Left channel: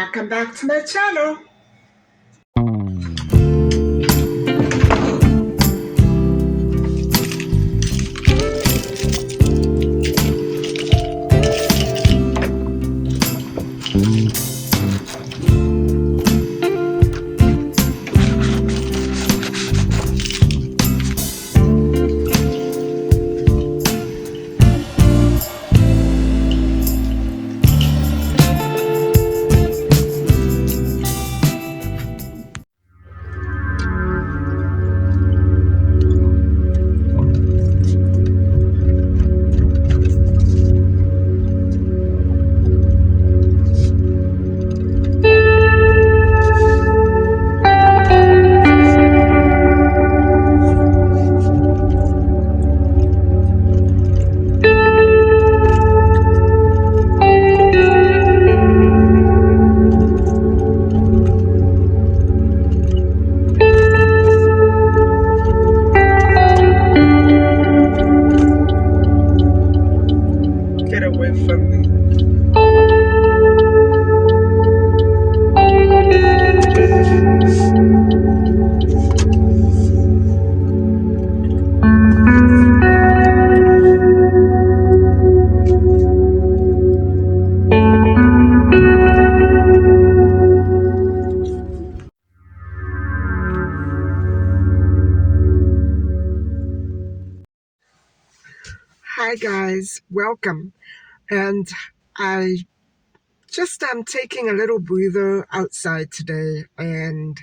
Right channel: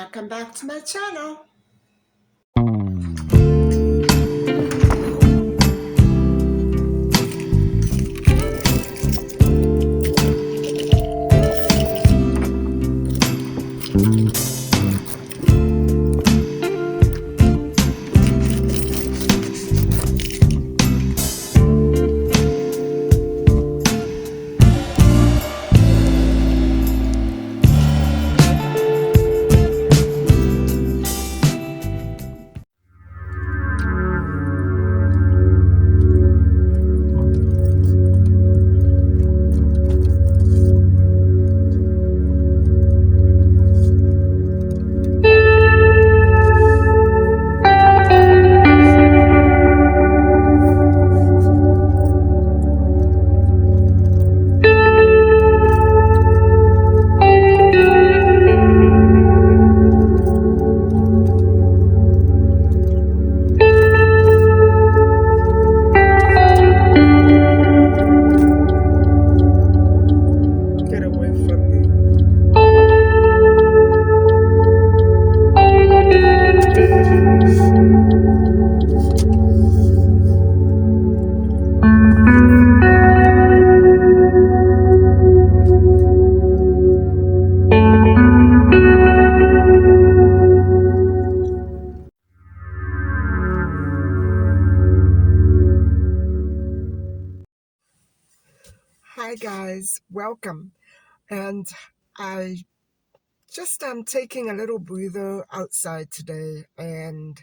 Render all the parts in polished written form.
Welcome back to my channel. Get away from me. Hi guys, welcome. And I just am taking a little breather outside today, and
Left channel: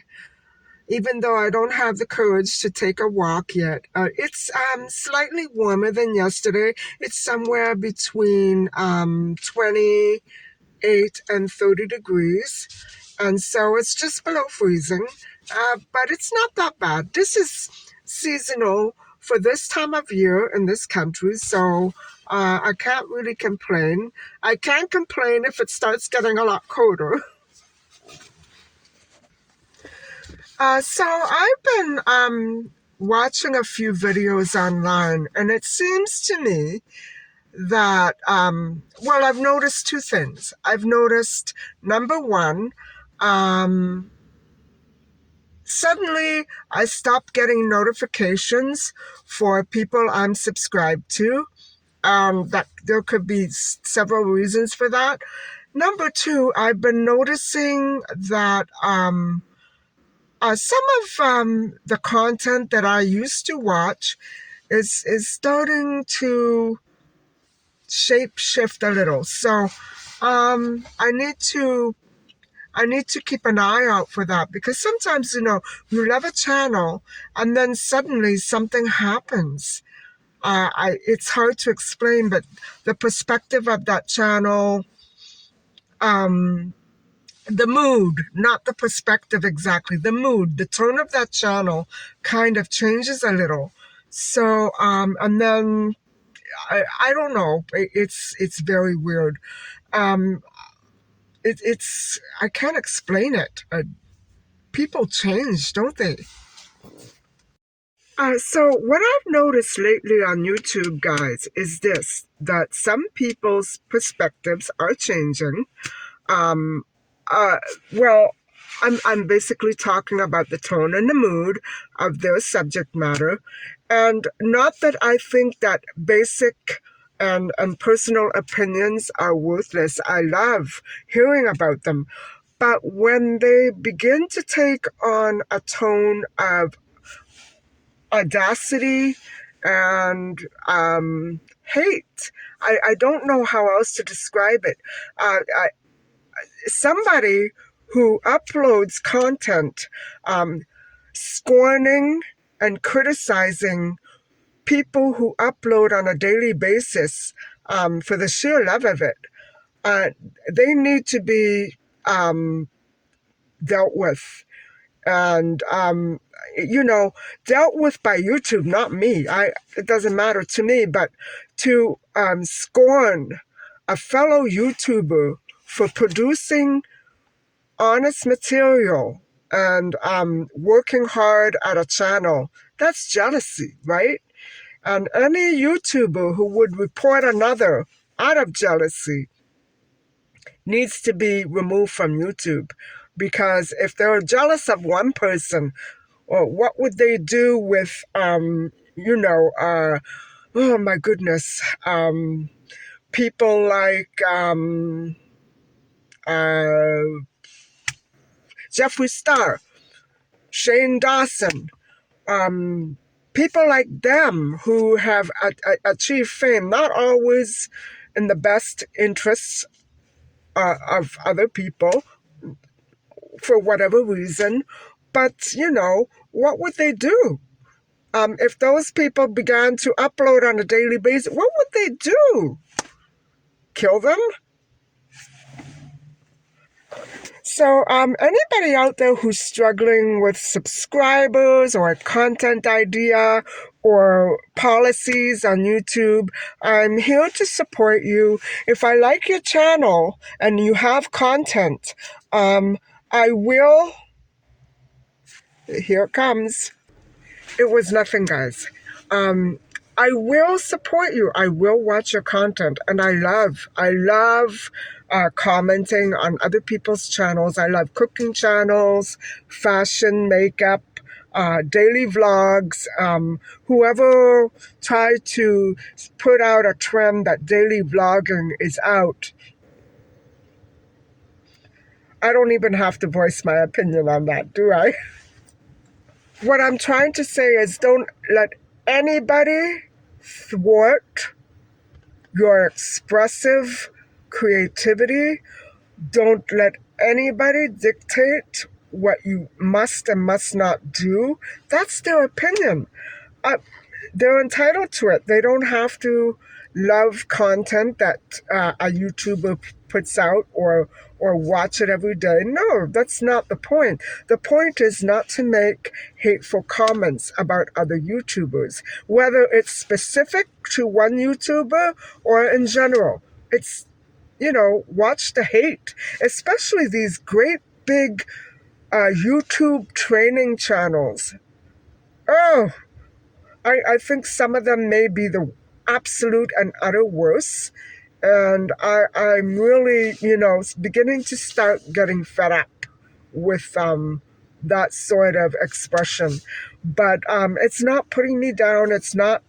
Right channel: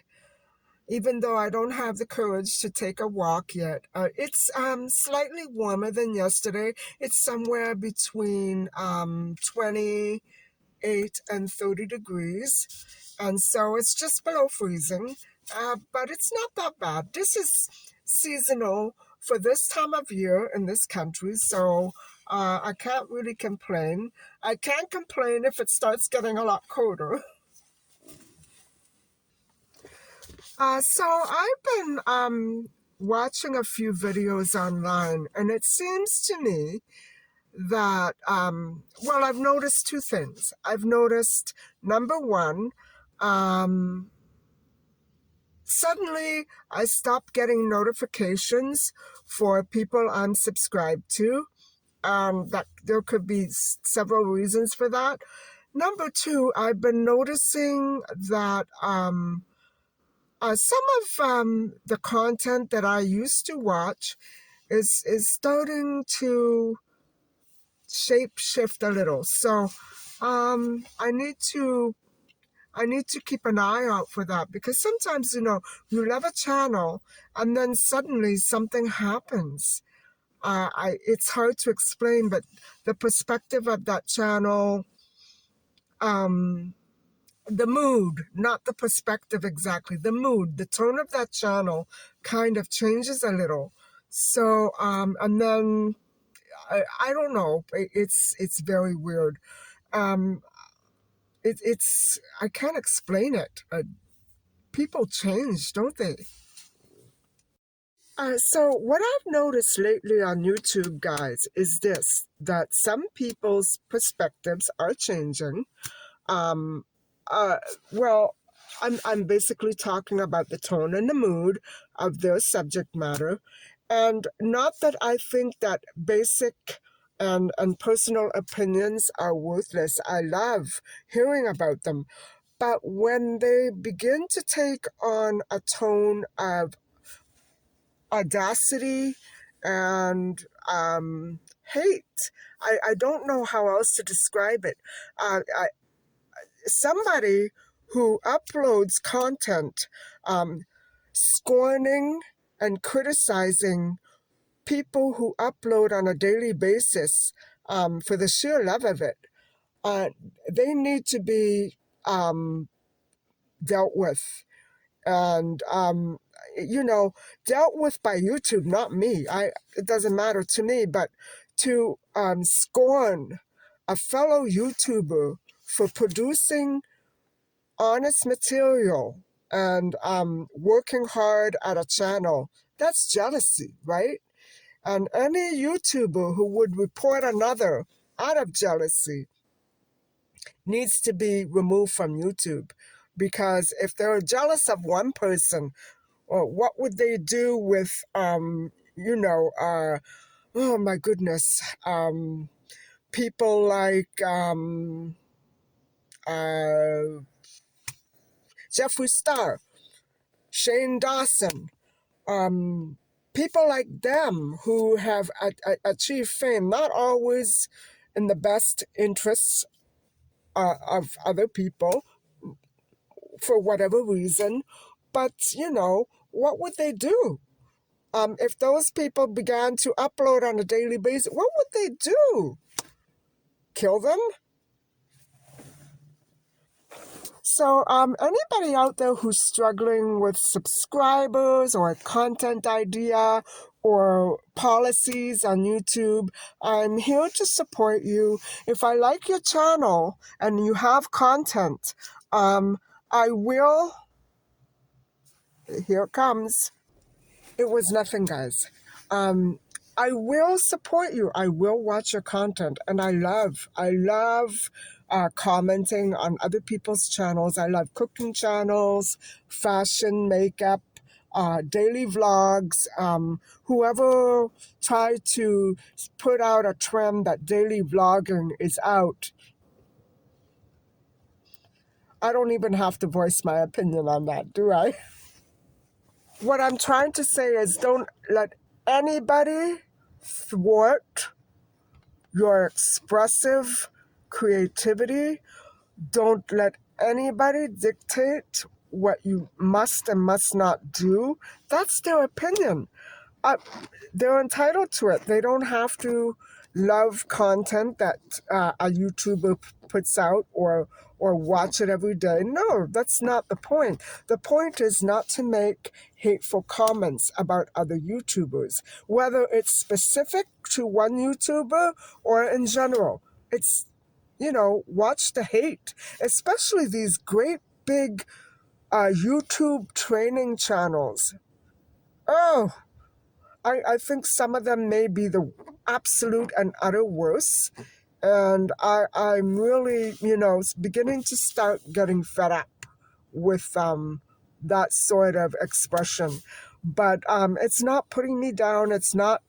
even though I don't have the courage to take a walk yet, it's slightly warmer than yesterday. It's somewhere between 28 and 30 degrees, and so it's just below freezing, but it's not that bad. This is seasonal for this time of year in this country, so I can't really complain. I can't complain if it starts getting a lot colder. So I've been watching a few videos online, and it seems to me that, well, I've noticed two things. I've noticed, number one, suddenly I stopped getting notifications for people I'm subscribed to. That there could be several reasons for that. Number two, I've been noticing that some of the content that I used to watch is starting to shape shift a little. So I need to keep an eye out for that, because sometimes, you love a channel and then suddenly something happens. It's hard to explain, but the perspective of that channel, the mood, not the perspective exactly, the mood, the tone of that channel kind of changes a little. So, and then I don't know, it's very weird. Um, it's I can't explain it. People change, don't they? So what I've noticed lately on YouTube, guys, is this, that some people's perspectives are changing. Um, uh, well, I'm basically talking about the tone and the mood of their subject matter. And not that I think that basic and personal opinions are worthless. I love hearing about them. But when they begin to take on a tone of audacity and hate, I don't know how else to describe it. Somebody who uploads content scorning and criticizing people who upload on a daily basis, for the sheer love of it, they need to be dealt with. And dealt with by YouTube, not me. It doesn't matter to me, but to scorn a fellow YouTuber for producing honest material and working hard at a channel, that's jealousy, right? And any YouTuber who would report another out of jealousy, needs to be removed from YouTube, because if they're jealous of one person, or what would they do with oh my goodness, people like uh, Jeffree Star, Shane Dawson, um, people like them who have achieved fame, not always in the best interests of other people for whatever reason. But, what would they do? If those people began to upload on a daily basis, what would they do? Kill them? So, anybody out there who's struggling with subscribers or a content idea or policies on YouTube, I'm here to support you. If I like your channel and you have content, I will. Here it comes. It was nothing, guys. Um, I will support you. I will watch your content, and I love commenting on other people's channels. I love cooking channels, fashion, makeup, daily vlogs. Whoever tried to put out a trend that daily vlogging is out, I don't even have to voice my opinion on that, do I? What I'm trying to say is, don't let anybody thwart your expressive creativity. Don't let anybody dictate what you must and must not do. That's their opinion. They're entitled to it. They don't have to love content that a YouTuber puts out, or watch it every day. No, that's not the point. The point is not to make hateful comments about other YouTubers, whether it's specific to one YouTuber or in general. It's, watch the hate, especially these great big YouTube training channels. Oh, I think some of them may be the absolute and utter worst. And I'm really, beginning to start getting fed up with that sort of expression. But it's not putting me down. It's not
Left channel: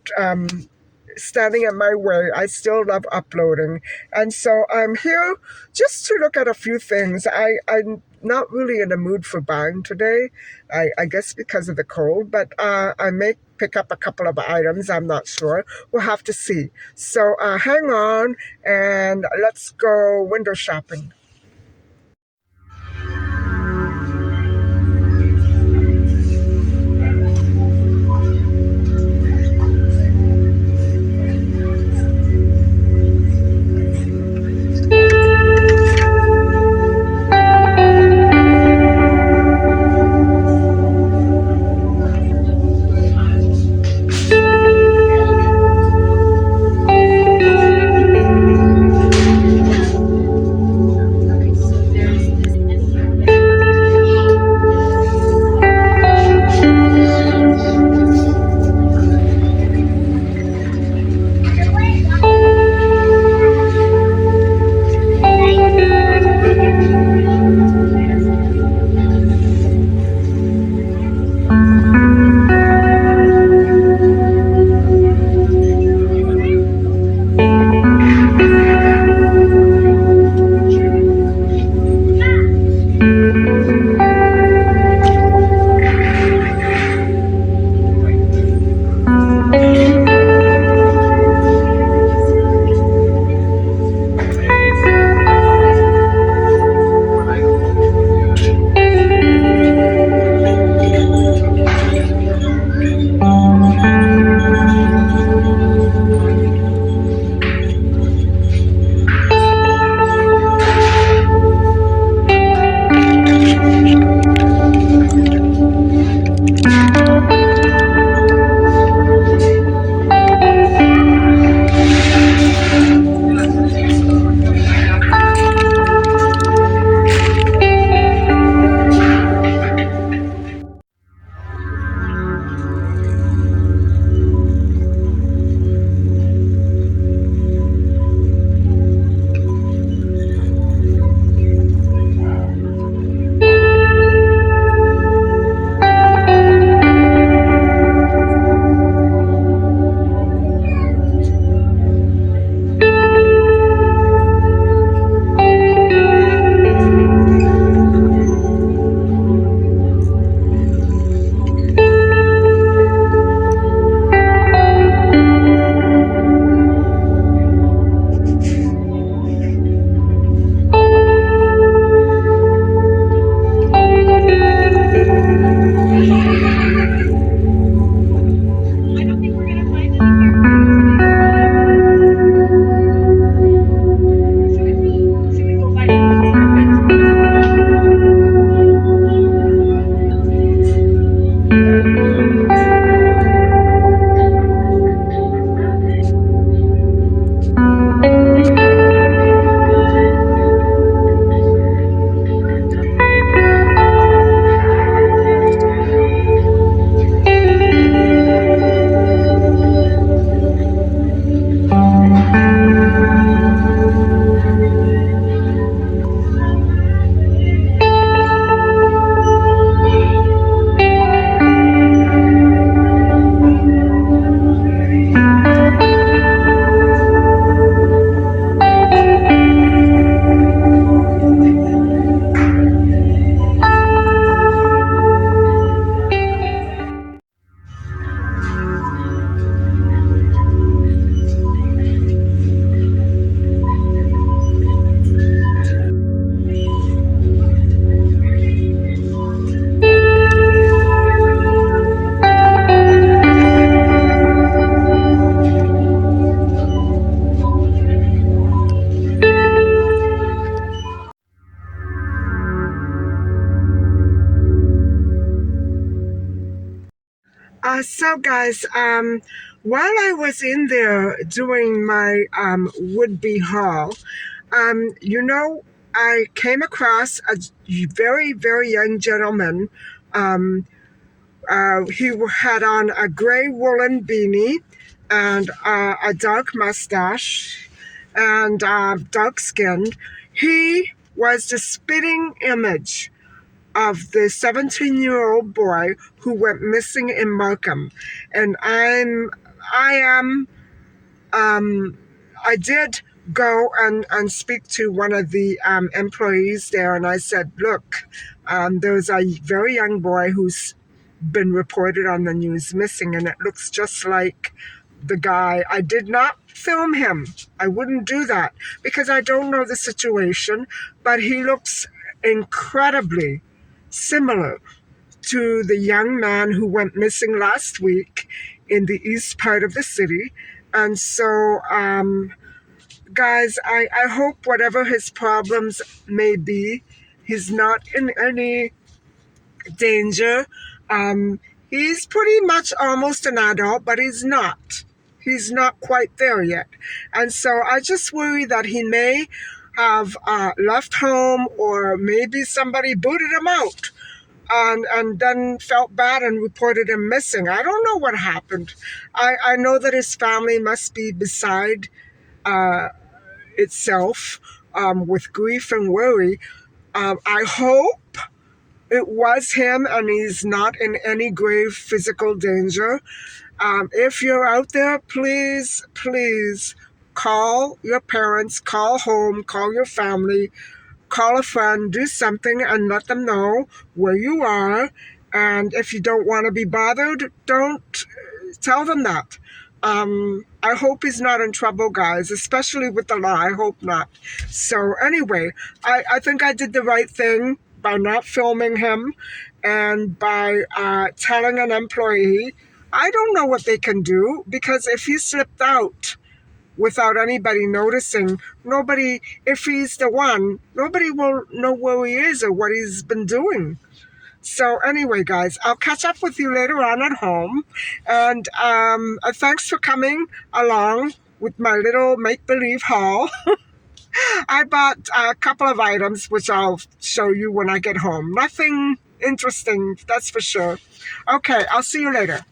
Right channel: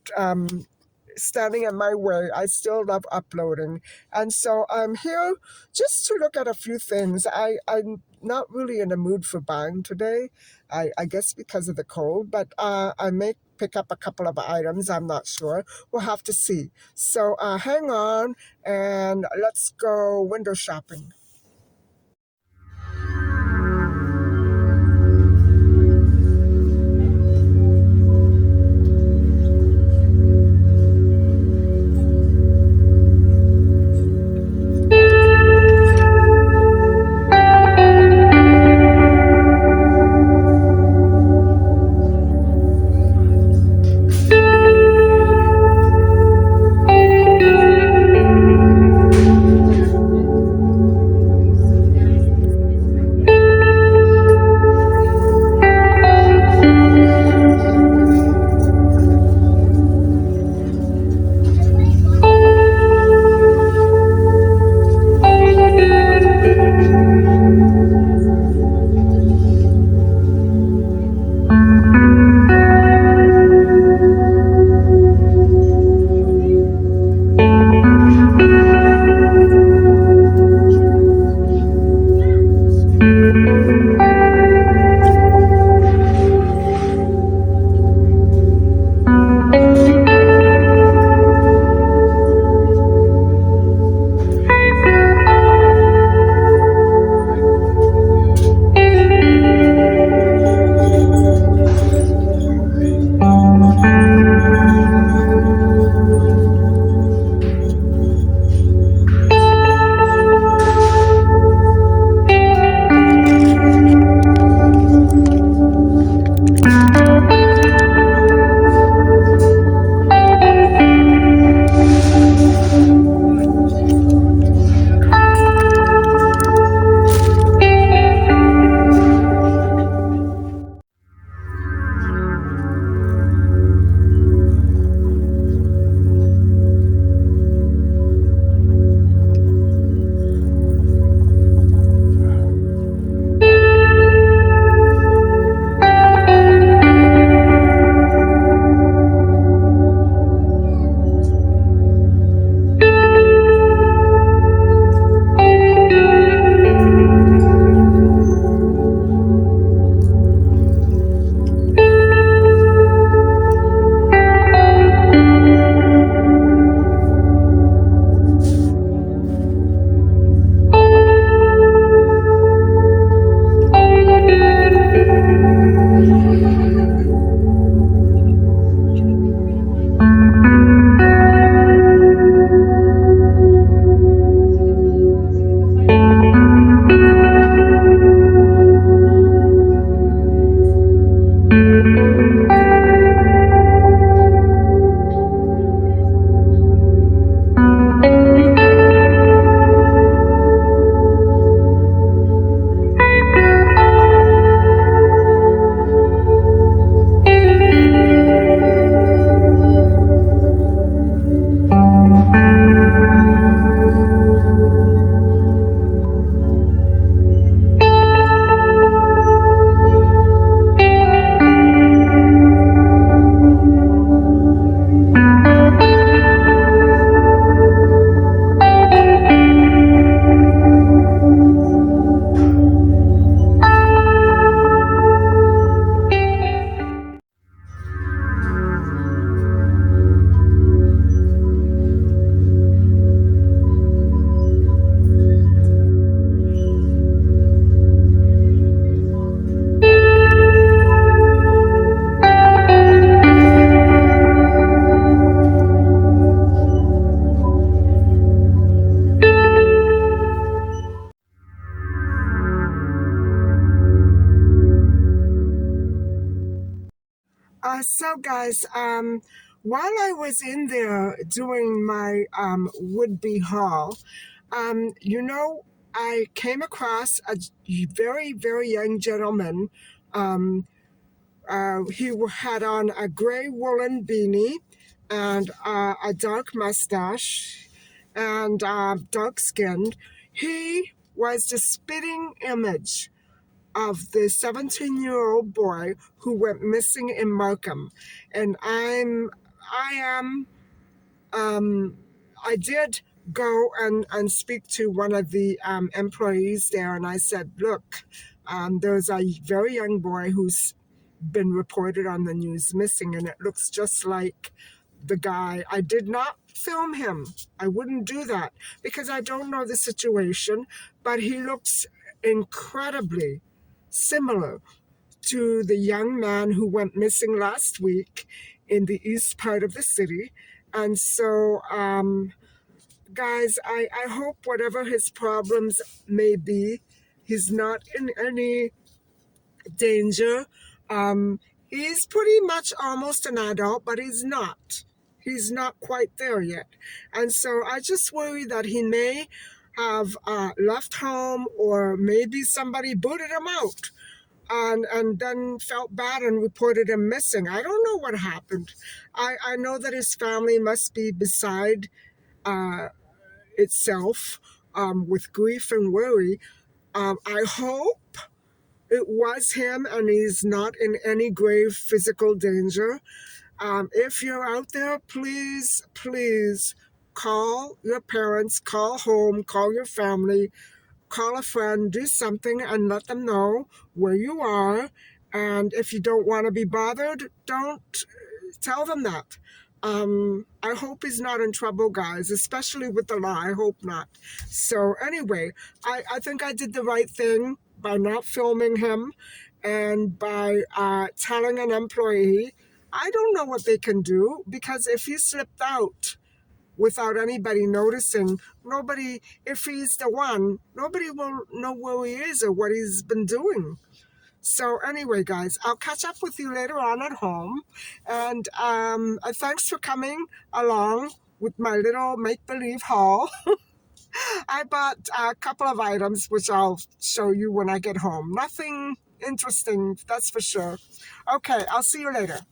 standing in my way. I still love uploading. And so I'm here just to look at a few things. I'm not really in the mood for buying today, I guess because of the cold, but I may pick up a couple of items. I'm not sure. We'll have to see. So hang on and let's go window shopping. So guys, while I was in there doing my would-be haul, you know, I came across a very, very young gentleman. Um, he had on a gray woolen beanie and a dark mustache and dark skinned. He was the spitting image of the 17-year-old boy who went missing in Markham. And I am, um, I did go and speak to one of the employees there, and I said, look, there's a very young boy who's been reported on the news missing, and it looks just like the guy. I did not film him. I wouldn't do that because I don't know the situation, but he looks incredibly similar to the young man who went missing last week in the east part of the city. And so, guys, I hope whatever his problems may be, he's not in any danger. He's pretty much almost an adult, but he's not. He's not quite there yet. And so I just worry that he may have left home, or maybe somebody booted him out and then felt bad and reported him missing. I don't know what happened. I know that his family must be beside uh, itself with grief and worry. I hope it was him and he's not in any grave physical danger. If you're out there, please, please call your parents, call home, call your family, call a friend, do something and let them know where you are. And if you don't want to be bothered, don't tell them that. I hope he's not in trouble, guys, especially with the law. I hope not. So anyway, I think I did the right thing by not filming him and by telling an employee. I don't know what they can do, because if he slipped out without anybody noticing, nobody, if he's the one, nobody will know where he is or what he's been doing. So anyway, guys, I'll catch up with you later on at home. And thanks for coming along with my little make-believe haul. I bought a couple of items, which I'll show you when I get home. Nothing interesting, that's for sure. Okay, I'll see you later.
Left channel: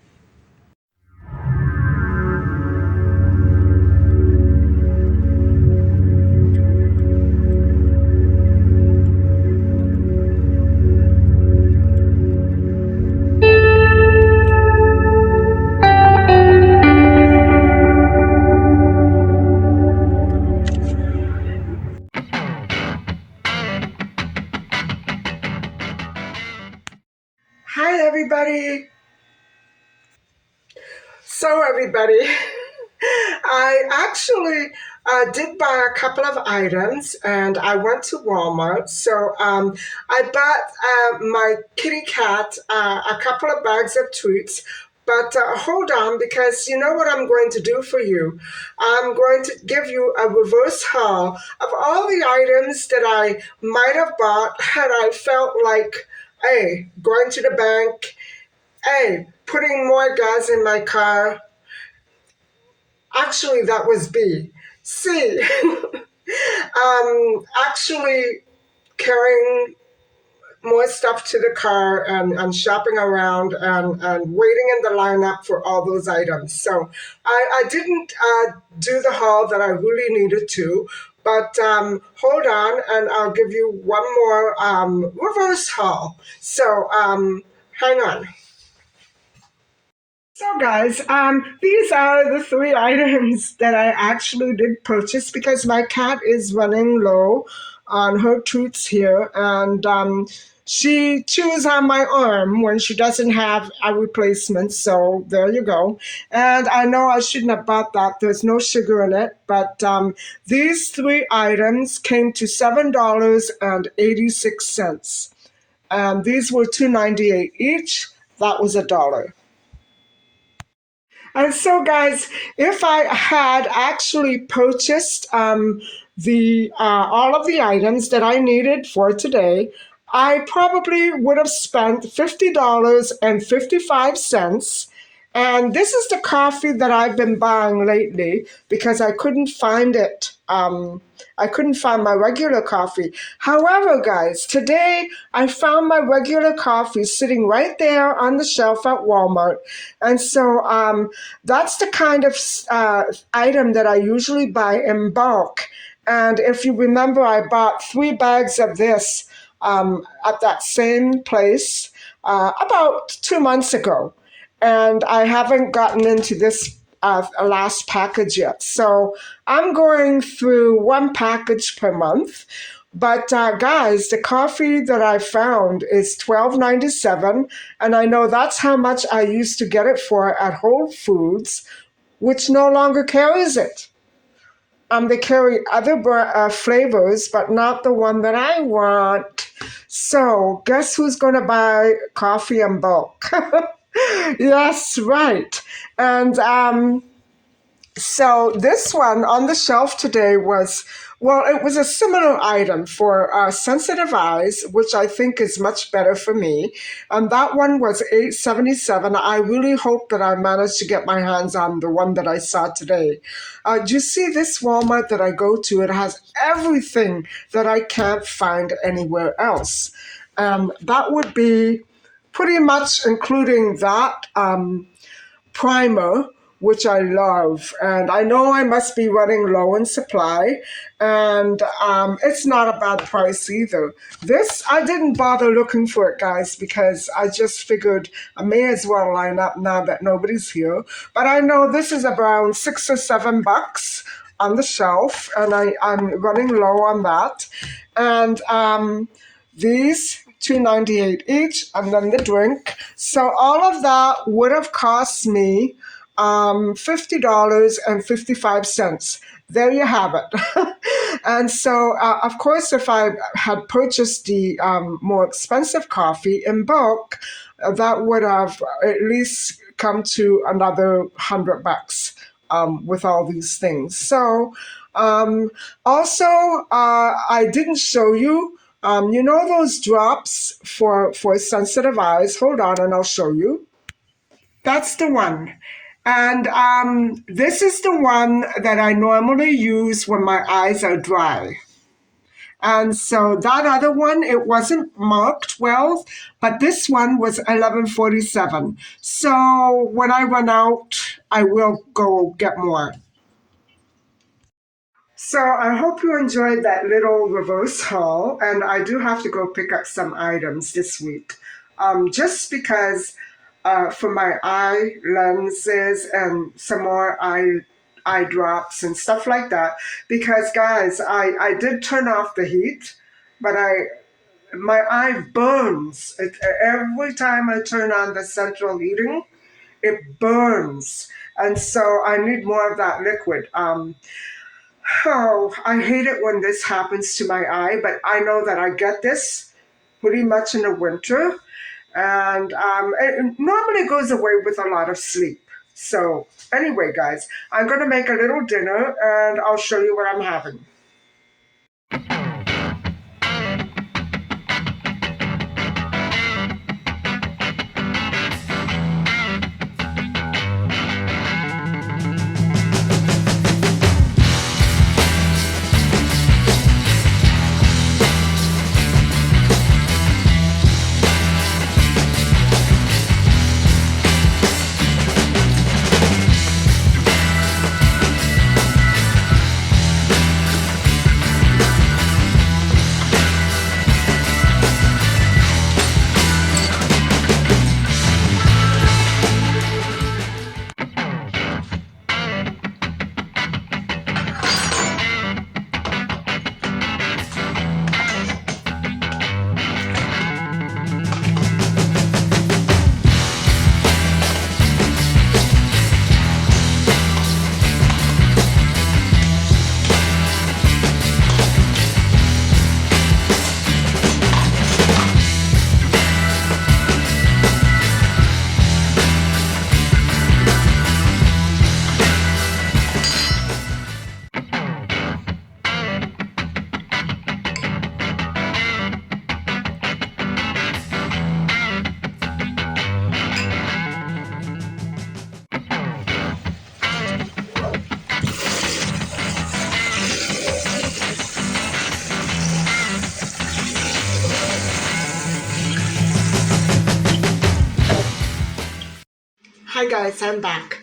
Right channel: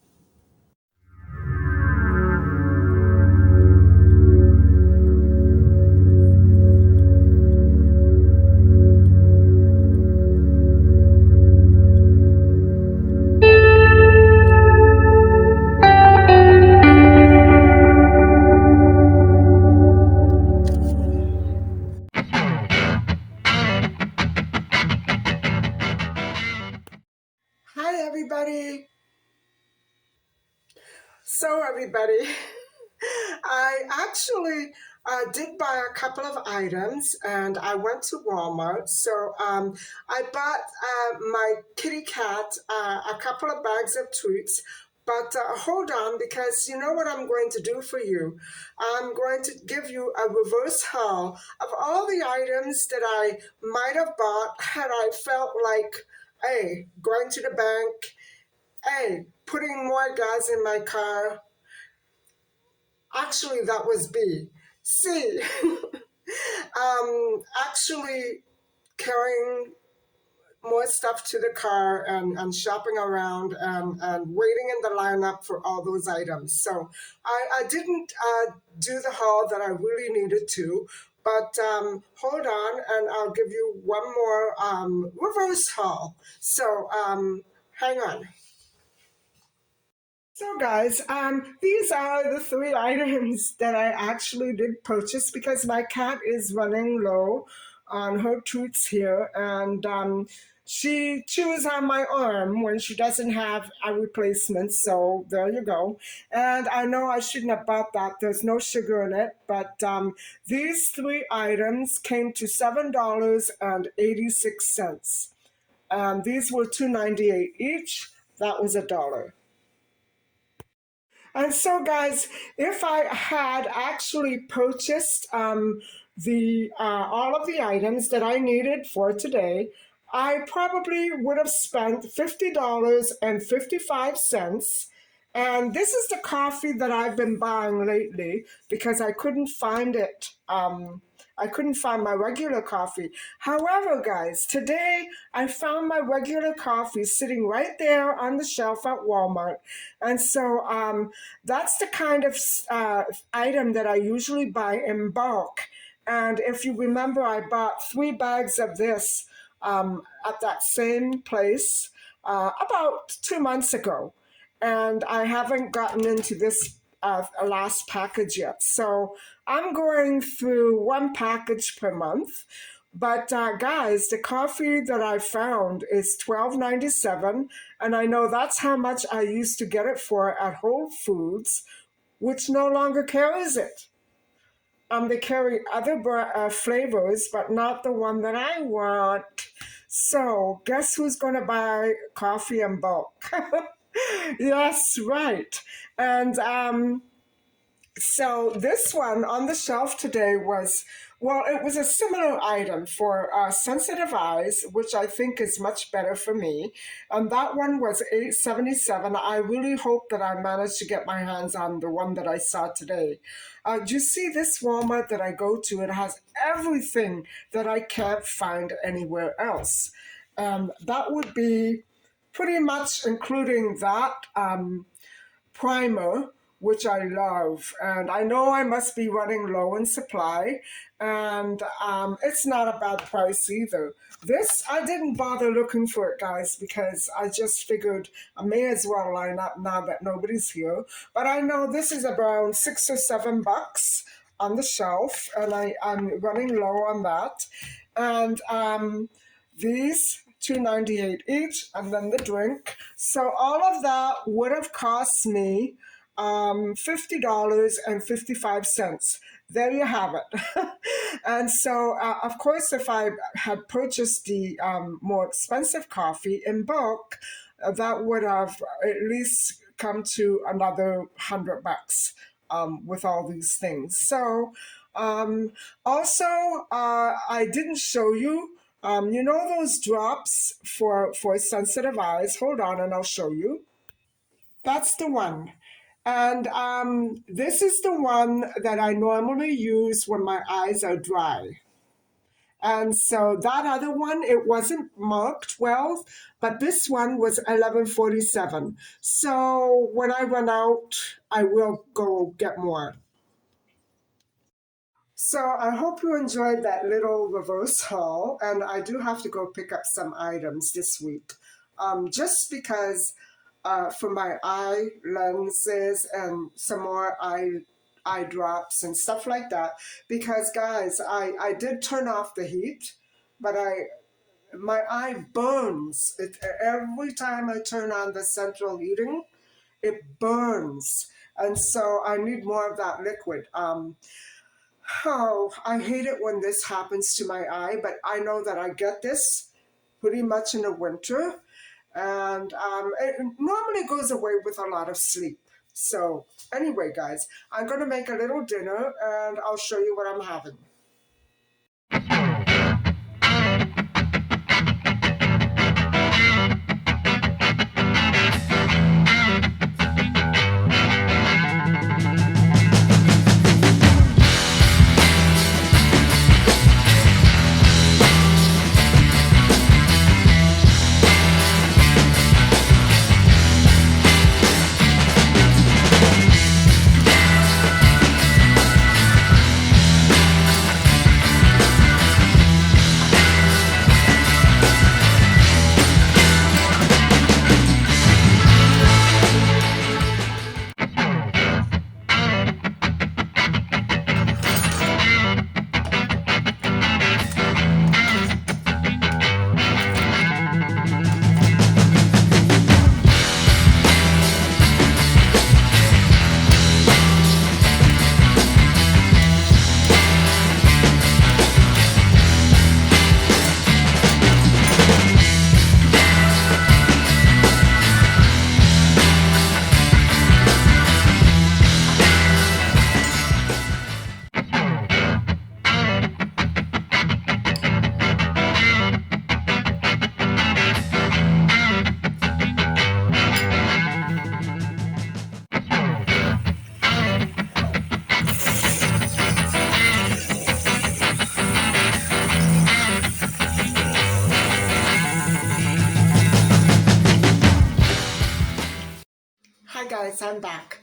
Hi, everybody. So, everybody, I actually did buy a couple of items and I went to Walmart. So, I bought my kitty cat a couple of bags of treats. But hold on, because you know what I'm going to do for you? I'm going to give you a reverse haul of all the items that I might have bought had I felt like, A, going to the bank, A, putting more gas in my car. Actually, that was B. C, actually carrying more stuff to the car and shopping around and waiting in the lineup for all those items. So I didn't do the haul that I really needed to, but hold on and I'll give you one more reverse haul. So hang on. So guys, these are the three items that I actually did purchase because my cat is running low on her treats here, and she chews on my arm when she doesn't have a replacement. So there you go. And I know I shouldn't have bought that. There's no sugar in it, but these three items came to $7.86. These were $2.98 each. That was $1. And so, guys, if I had actually purchased the all of the items that I needed for today, I probably would have spent $50.55, And this is the coffee that I've been buying lately because I couldn't find it. I couldn't find my regular coffee. However, guys, today I found my regular coffee sitting right there on the shelf at Walmart. And so that's the kind of item that I usually buy in bulk. And if you remember, I bought 3 bags of this at that same place about 2 months ago. And I haven't gotten into this last package yet. So I'm going through 1 package per month. But guys, the coffee that I found is $12.97, and I know that's how much I used to get it for at Whole Foods, which no longer carries it. They carry other flavors, but not the one that I want. So guess who's going to buy coffee in bulk? Yes, right. And so this one on the shelf today was, well, it was a similar item for sensitive eyes, which I think is much better for me. And that one was $8.77. I really hope that I managed to get my hands on the one that I saw today. Do you see this Walmart that I go to? It has everything that I can't find anywhere else. That would be pretty much including that primer, which I love. And I know I must be running low in supply, and it's not a bad price either. This, I didn't bother looking for it, guys, because I just figured I may as well line up now that nobody's here. But I know this is around $6 or $7 on the shelf, and I'm running low on that. And these $2.98 each, and then the drink. So all of that would have cost me $50.55. There you have it. And so, of course, if I had purchased the more expensive coffee in bulk, that would have at least come to another $100 with all these things. So, also, I didn't show you. You know those drops for sensitive eyes? Hold on, and I'll show you. That's the one. And this is the one that I normally use when my eyes are dry. And so that other one, it wasn't marked well, but this one was 11.47. So when I run out, I will go get more. So I hope you enjoyed that little reverse haul, and I do have to go pick up some items this week. Just because for my eye lenses and some more eye drops and stuff like that. Because guys, I did turn off the heat, but my eye burns. Every time I turn on the central heating, it burns. And so I need more of that liquid. Oh, I hate it when this happens to my eye, but I know that I get this pretty much in the winter. And it normally goes away with a lot of sleep. So anyway, guys, I'm going to make a little dinner, and I'll show you what I'm having. guys, I'm back.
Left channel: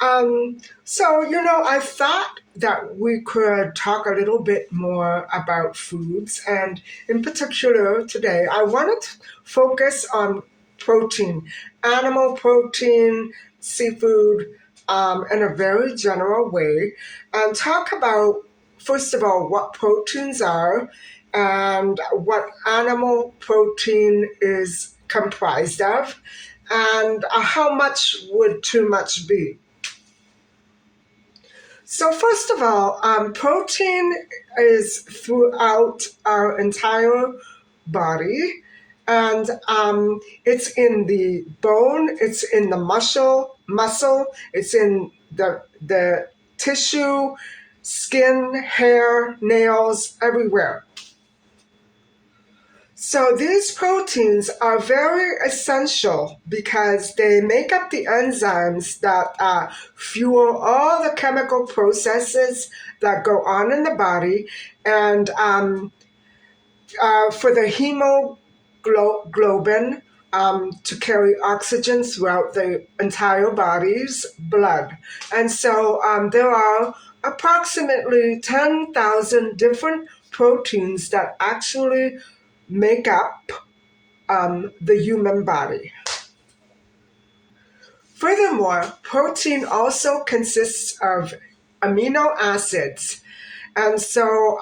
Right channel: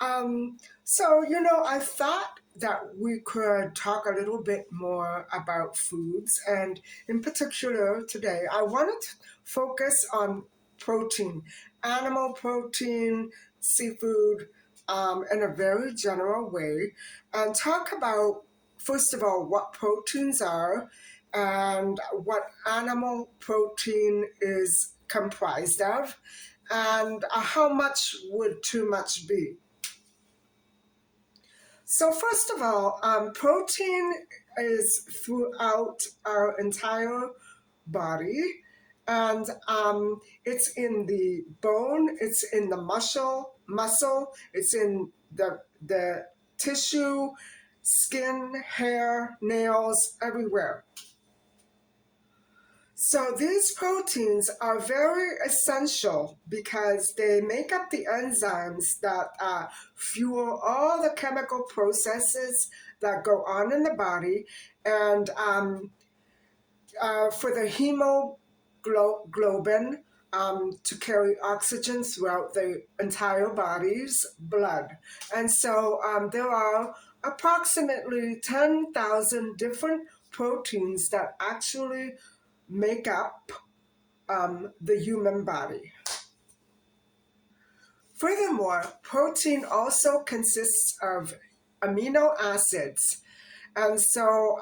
I thought that we could talk a little bit more about foods, and in particular, today, I wanted to focus on protein, animal protein, seafood, in a very general way, and talk about, first of all, what proteins are and what animal protein is comprised of, and how much would too much be. So, first of all, protein is throughout our entire body, and it's in the bone, it's in the muscle, it's in the tissue, skin, hair, nails, everywhere. So these proteins are very essential because they make up the enzymes that fuel all the chemical processes that go on in the body, and for the hemoglobin to carry oxygen throughout the entire body's blood. And so there are approximately 10,000 different proteins that actually make up the human body. Furthermore, protein also consists of amino acids. And so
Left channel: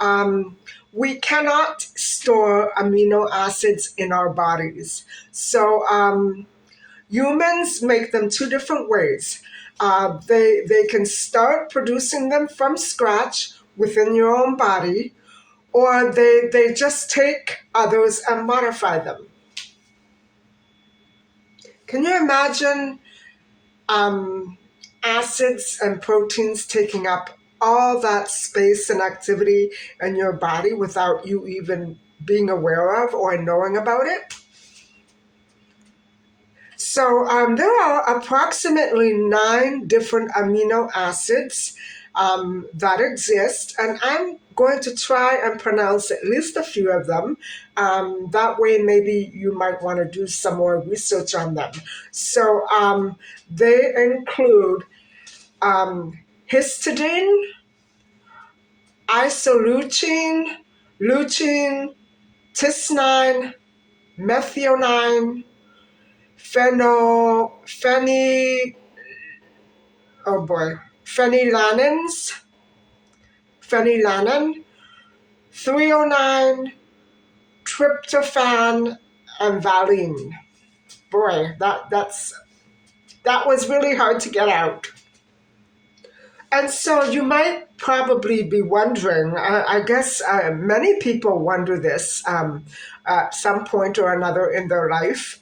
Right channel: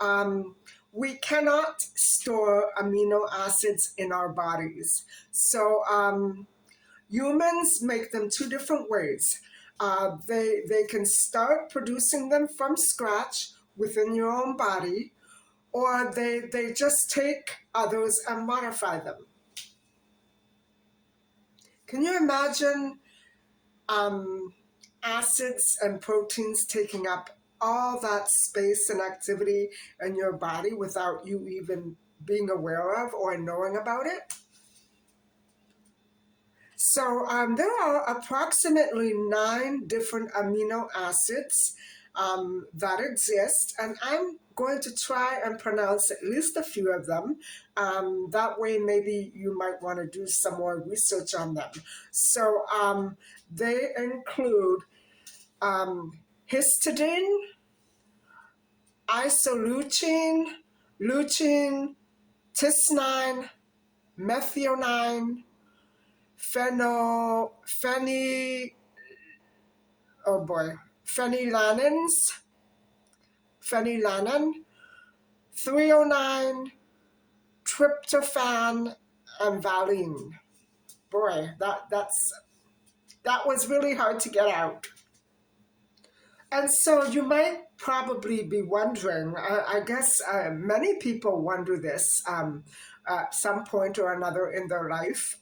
we cannot store amino acids in our bodies. So humans make them two different ways. They can start producing them from scratch within your own body, or they just take others and modify them. Can you imagine acids and proteins taking up all that space and activity in your body without you even being aware of or knowing about it? So there are approximately 9 different amino acids that exist, and I'm going to try and pronounce at least a few of them. That way, maybe you might want to do some more research on them. So they include histidine, isoleucine, leucine, tysnine, methionine, phenny, oh boy, phenylanins, phenylanin, threonine, tryptophan, and valine. Boy, that was really hard to get out. And so you might probably be wondering, I guess many people wonder this at some point or another in their life,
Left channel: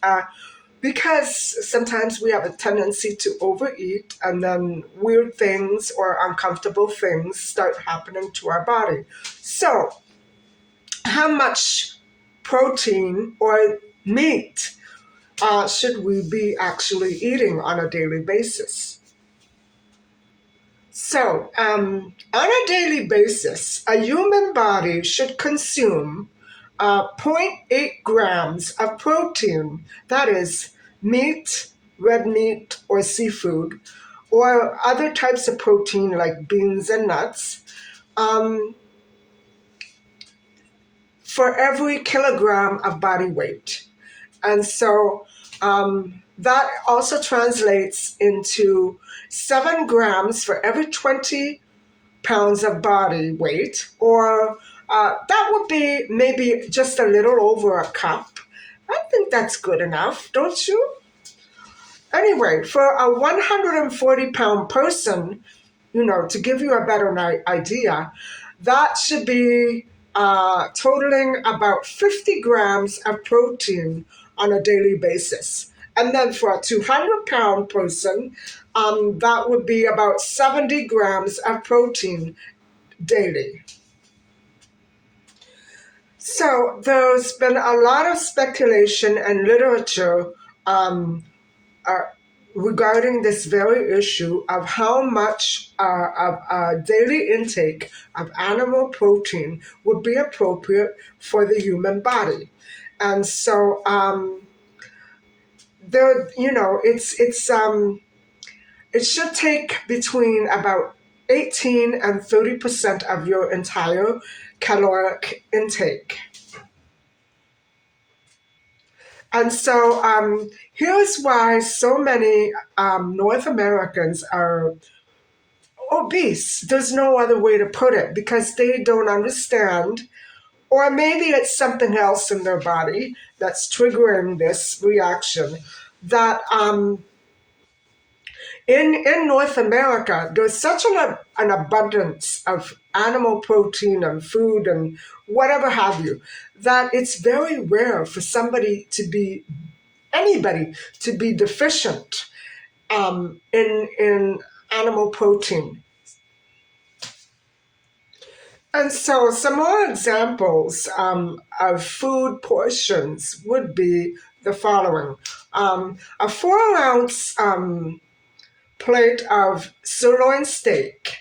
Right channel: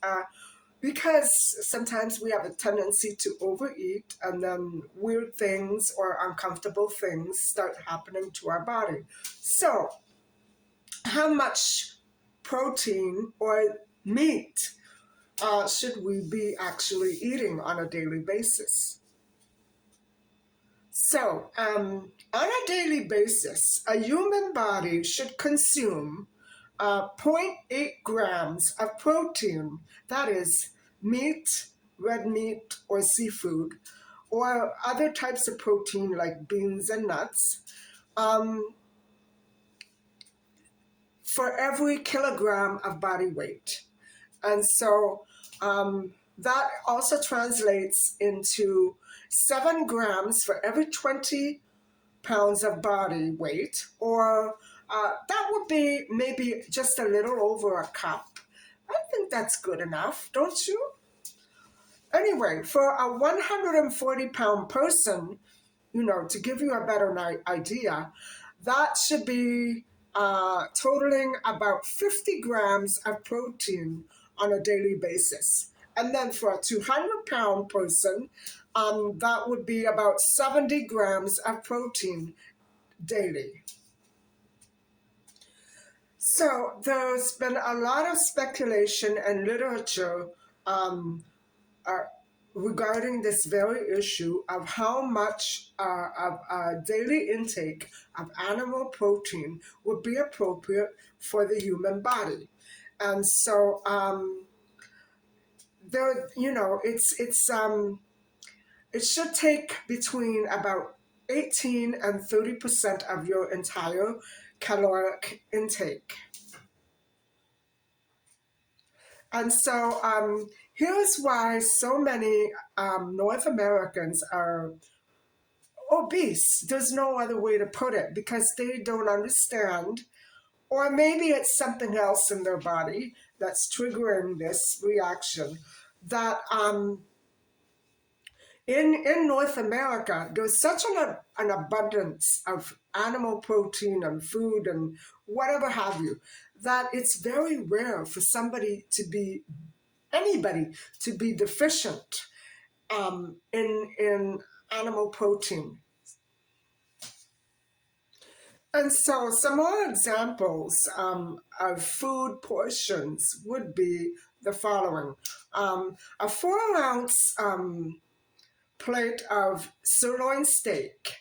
because sometimes we have a tendency to overeat and then weird things or uncomfortable things start happening to our body. So, how much protein or meat should we be actually eating on a daily basis? So, on a daily basis, a human body should consume zero point 0.8 grams of protein, that is, meat, red meat, or seafood, or other types of protein like beans and nuts, um, for every kilogram of body weight. And so that also translates into 7 grams for every 20 pounds of body weight, or that would be maybe just a little over a cup. I think that's good enough, don't you? Anyway, for a 140-pound person, to give you a better idea, that should be totaling about 50 grams of protein on a daily basis. And then for a 200-pound person, that would be about 70 grams of protein daily. So there's been a lot of speculation and literature uh, regarding this very issue of how much of a daily intake of animal protein would be appropriate for the human body. And so there, it's It should take between about 18 and 30% of your entire caloric intake. And so here's why so many North Americans are obese. There's no other way to put it because they don't understand, or maybe it's something else in their body that's triggering this reaction. That in North America, there's such an abundance of animal protein and food and whatever have you, that it's very rare for anybody to be deficient in animal protein. And so some more examples of food portions would be the following. A 4-ounce plate of sirloin steak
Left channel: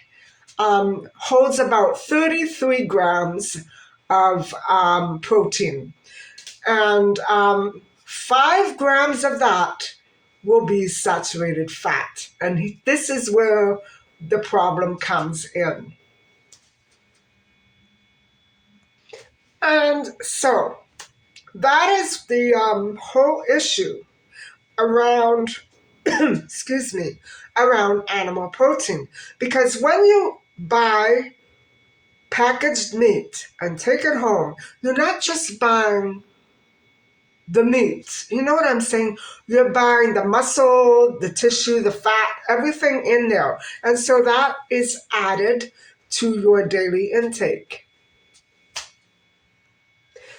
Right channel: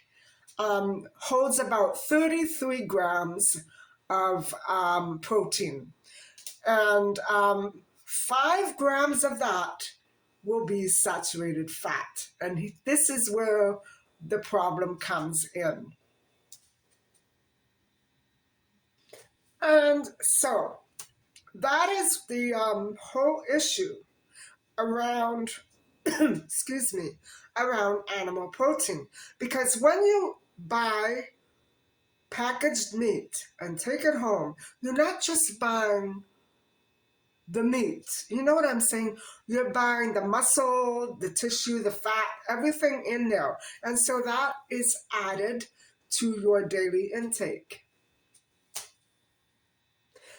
holds about 33 grams of protein. And 5 grams of that will be saturated fat. And this is where the problem comes in. And so that is the whole issue around, excuse me, around animal protein. Because when you buy packaged meat and take it home, you're not just buying the meat. You know what I'm saying? You're buying the muscle, the tissue, the fat, everything in there. And so that is added to your daily intake.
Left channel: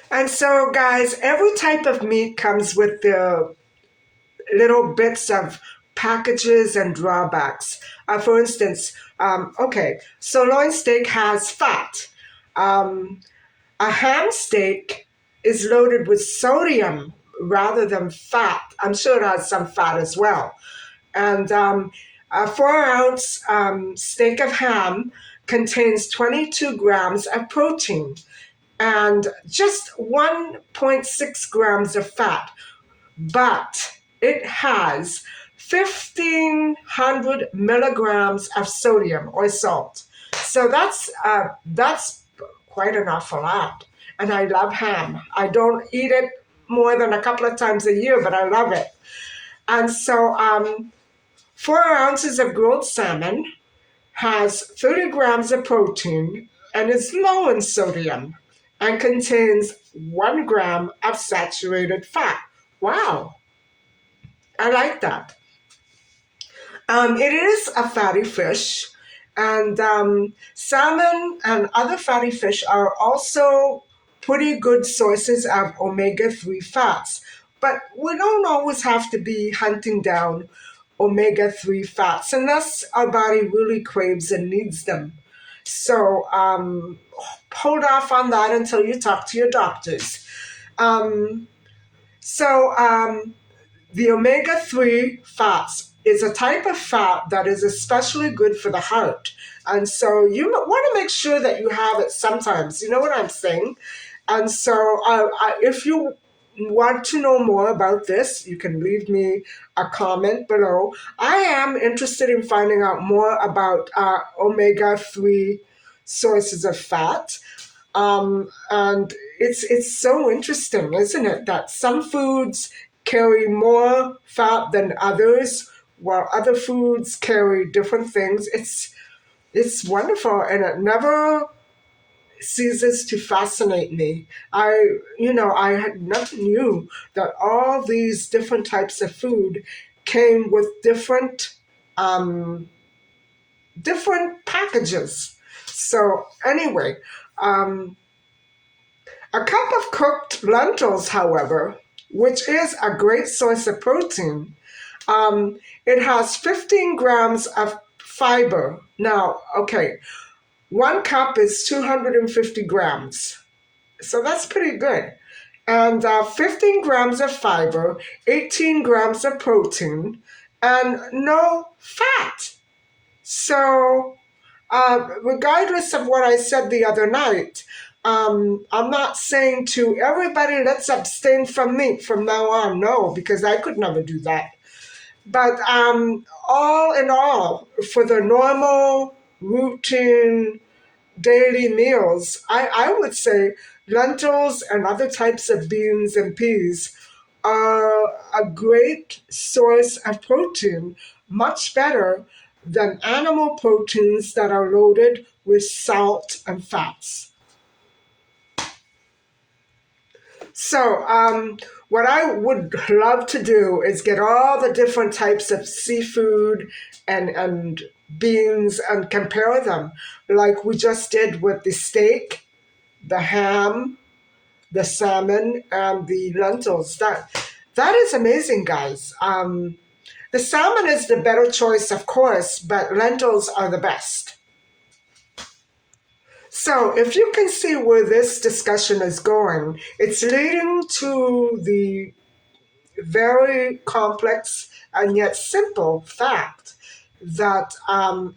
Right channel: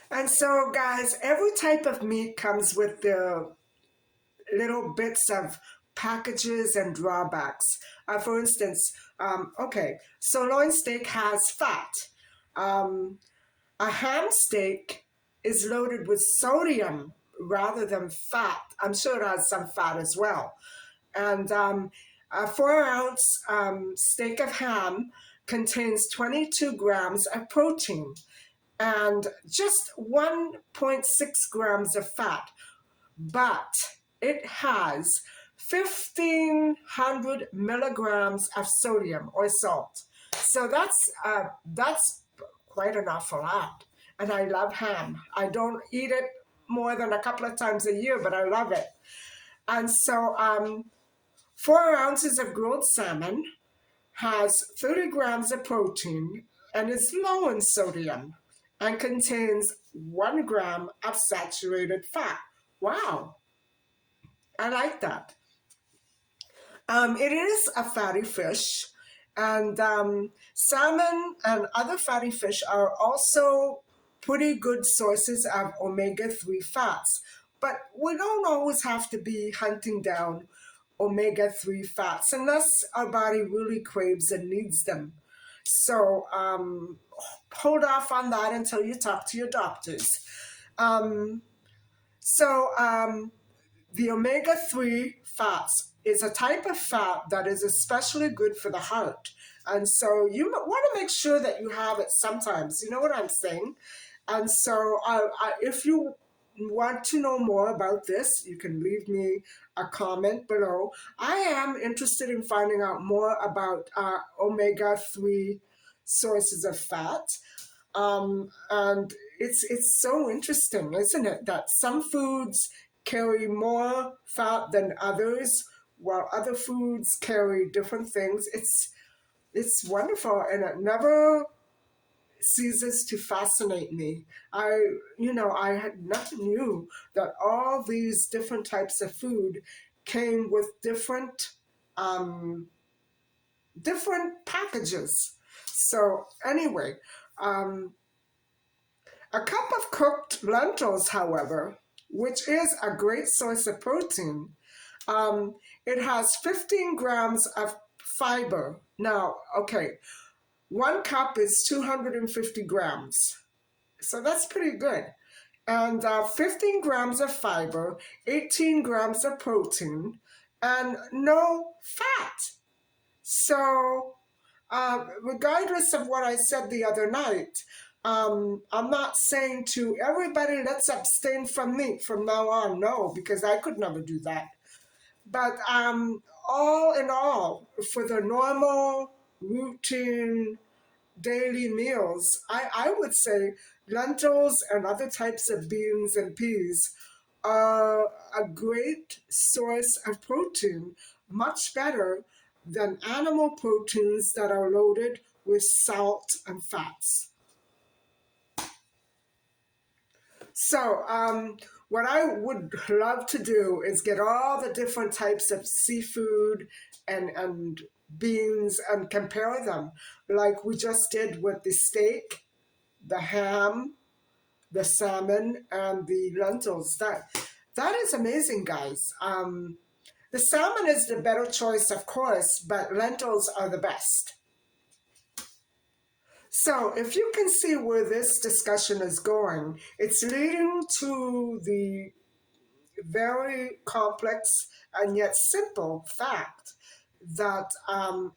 And so, guys, every type of meat comes with the little bits of packages and drawbacks. For instance, sirloin steak has fat. A ham steak is loaded with sodium rather than fat. I'm sure it has some fat as well. And a 4-ounce steak of ham contains 22 grams of protein and just 1.6 grams of fat, but it has 1,500 milligrams of sodium or salt. So that's quite an awful lot. And I love ham. I don't eat it more than a couple of times a year, but I love it. And so 4 ounces of grilled salmon has 30 grams of protein and is low in sodium and contains 1 gram of saturated fat. Wow, I like that. It is a fatty fish, and salmon and other fatty fish are also pretty good sources of omega-3 fats. But we don't always have to be hunting down omega-3 fats unless our body really craves and needs them. So hold off on that until you talk to your doctors. The omega-3 fats is a type of fat that is especially good for the heart. And so you want to make sure that you have it sometimes. You know what I'm saying? And so if you want to know more about this, you can leave me a comment below. I am interested in finding out more about omega-3 sources of fat. And it's so interesting, isn't it, that some foods carry more fat than others, while other foods carry different things. It's wonderful, and it never ceases to fascinate me. I had never knew that all these different types of food came with different packages. So anyway, a cup of cooked lentils, however, which is a great source of protein, it has 15 grams of fiber. Now, okay, 1 cup is 250 grams. So that's pretty good. And 15 grams of fiber, 18 grams of protein, and no fat. So regardless of what I said the other night, I'm not saying to everybody, let's abstain from meat from now on. No, because I could never do that. But all in all, for the normal routine daily meals, I would say lentils and other types of beans and peas are a great source of protein, much better than animal proteins that are loaded with salt and fats. So, what I would love to do is get all the different types of seafood and beans and compare them, like we just did with the steak, the ham, the salmon, and the lentils. That is amazing, guys. The salmon is the better choice, of course, but lentils are the best. So, if you can see where this discussion is going, it's leading to the very complex and yet simple fact that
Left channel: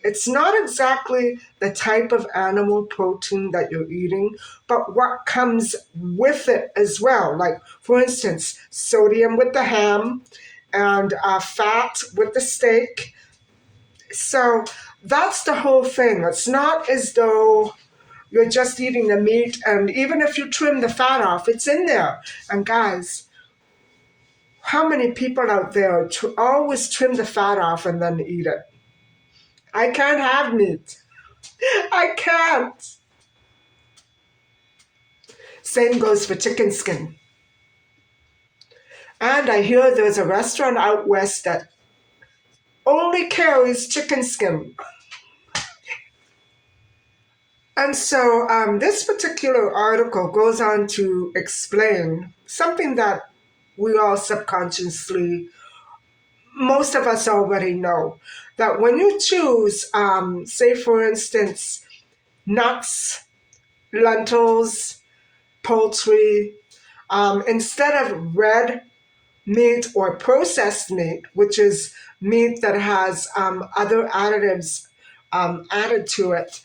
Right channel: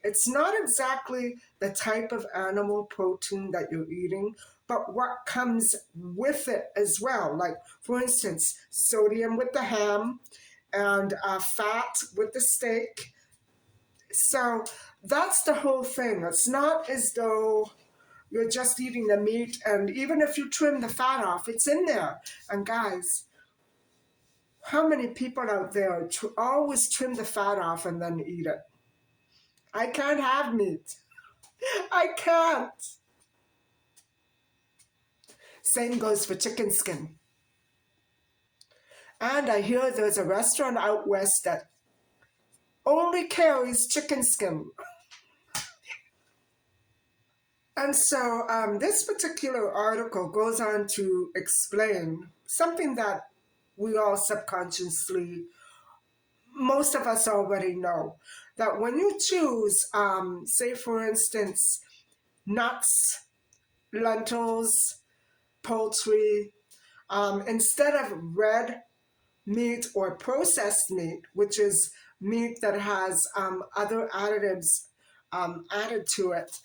it's not exactly the type of animal protein that you're eating, but what comes with it as well. Like, for instance, sodium with the ham and fat with the steak. So that's the whole thing. It's not as though you're just eating the meat, and even if you trim the fat off, it's in there. And guys, how many people out there always trim the fat off and then eat it? I can't have meat. I can't. Same goes for chicken skin. And I hear there's a restaurant out west that only carries chicken skin. And so this particular article goes on to explain something that we all subconsciously, most of us already know, that when you choose, say for instance, nuts, lentils, poultry, instead of red meat or processed meat, which is meat that has other additives added to it,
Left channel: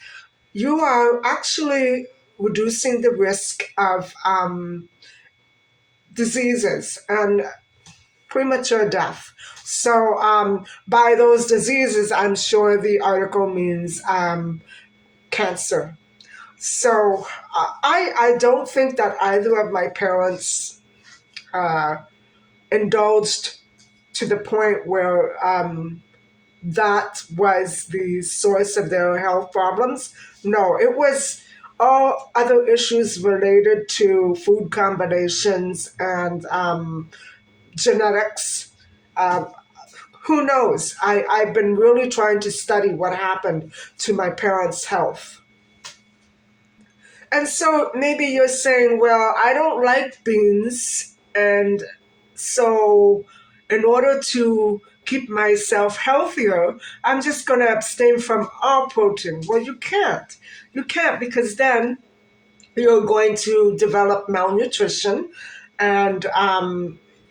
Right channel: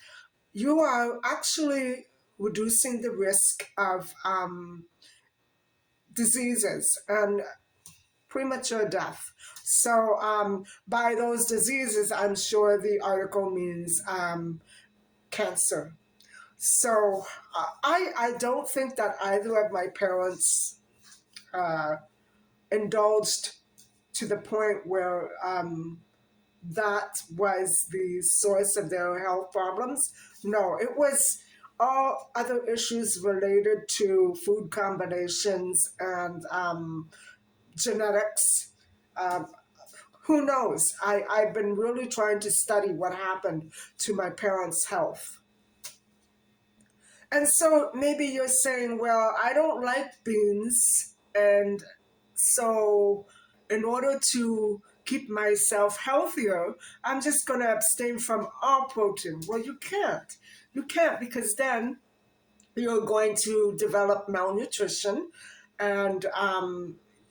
you are actually reducing the risk of diseases and premature death. So, by those diseases, I'm sure the article means cancer. So, I don't think that either of my parents uh, indulged to the point where that was the source of their health problems. No, it was all other issues related to food combinations and genetics. Um, who knows? I've been really trying to study what happened to my parents' health. And so maybe you're saying, well, I don't like beans. And so, in order to keep myself healthier, I'm just going to abstain from all protein. Well, you can't. You can't, because then you're going to develop malnutrition, and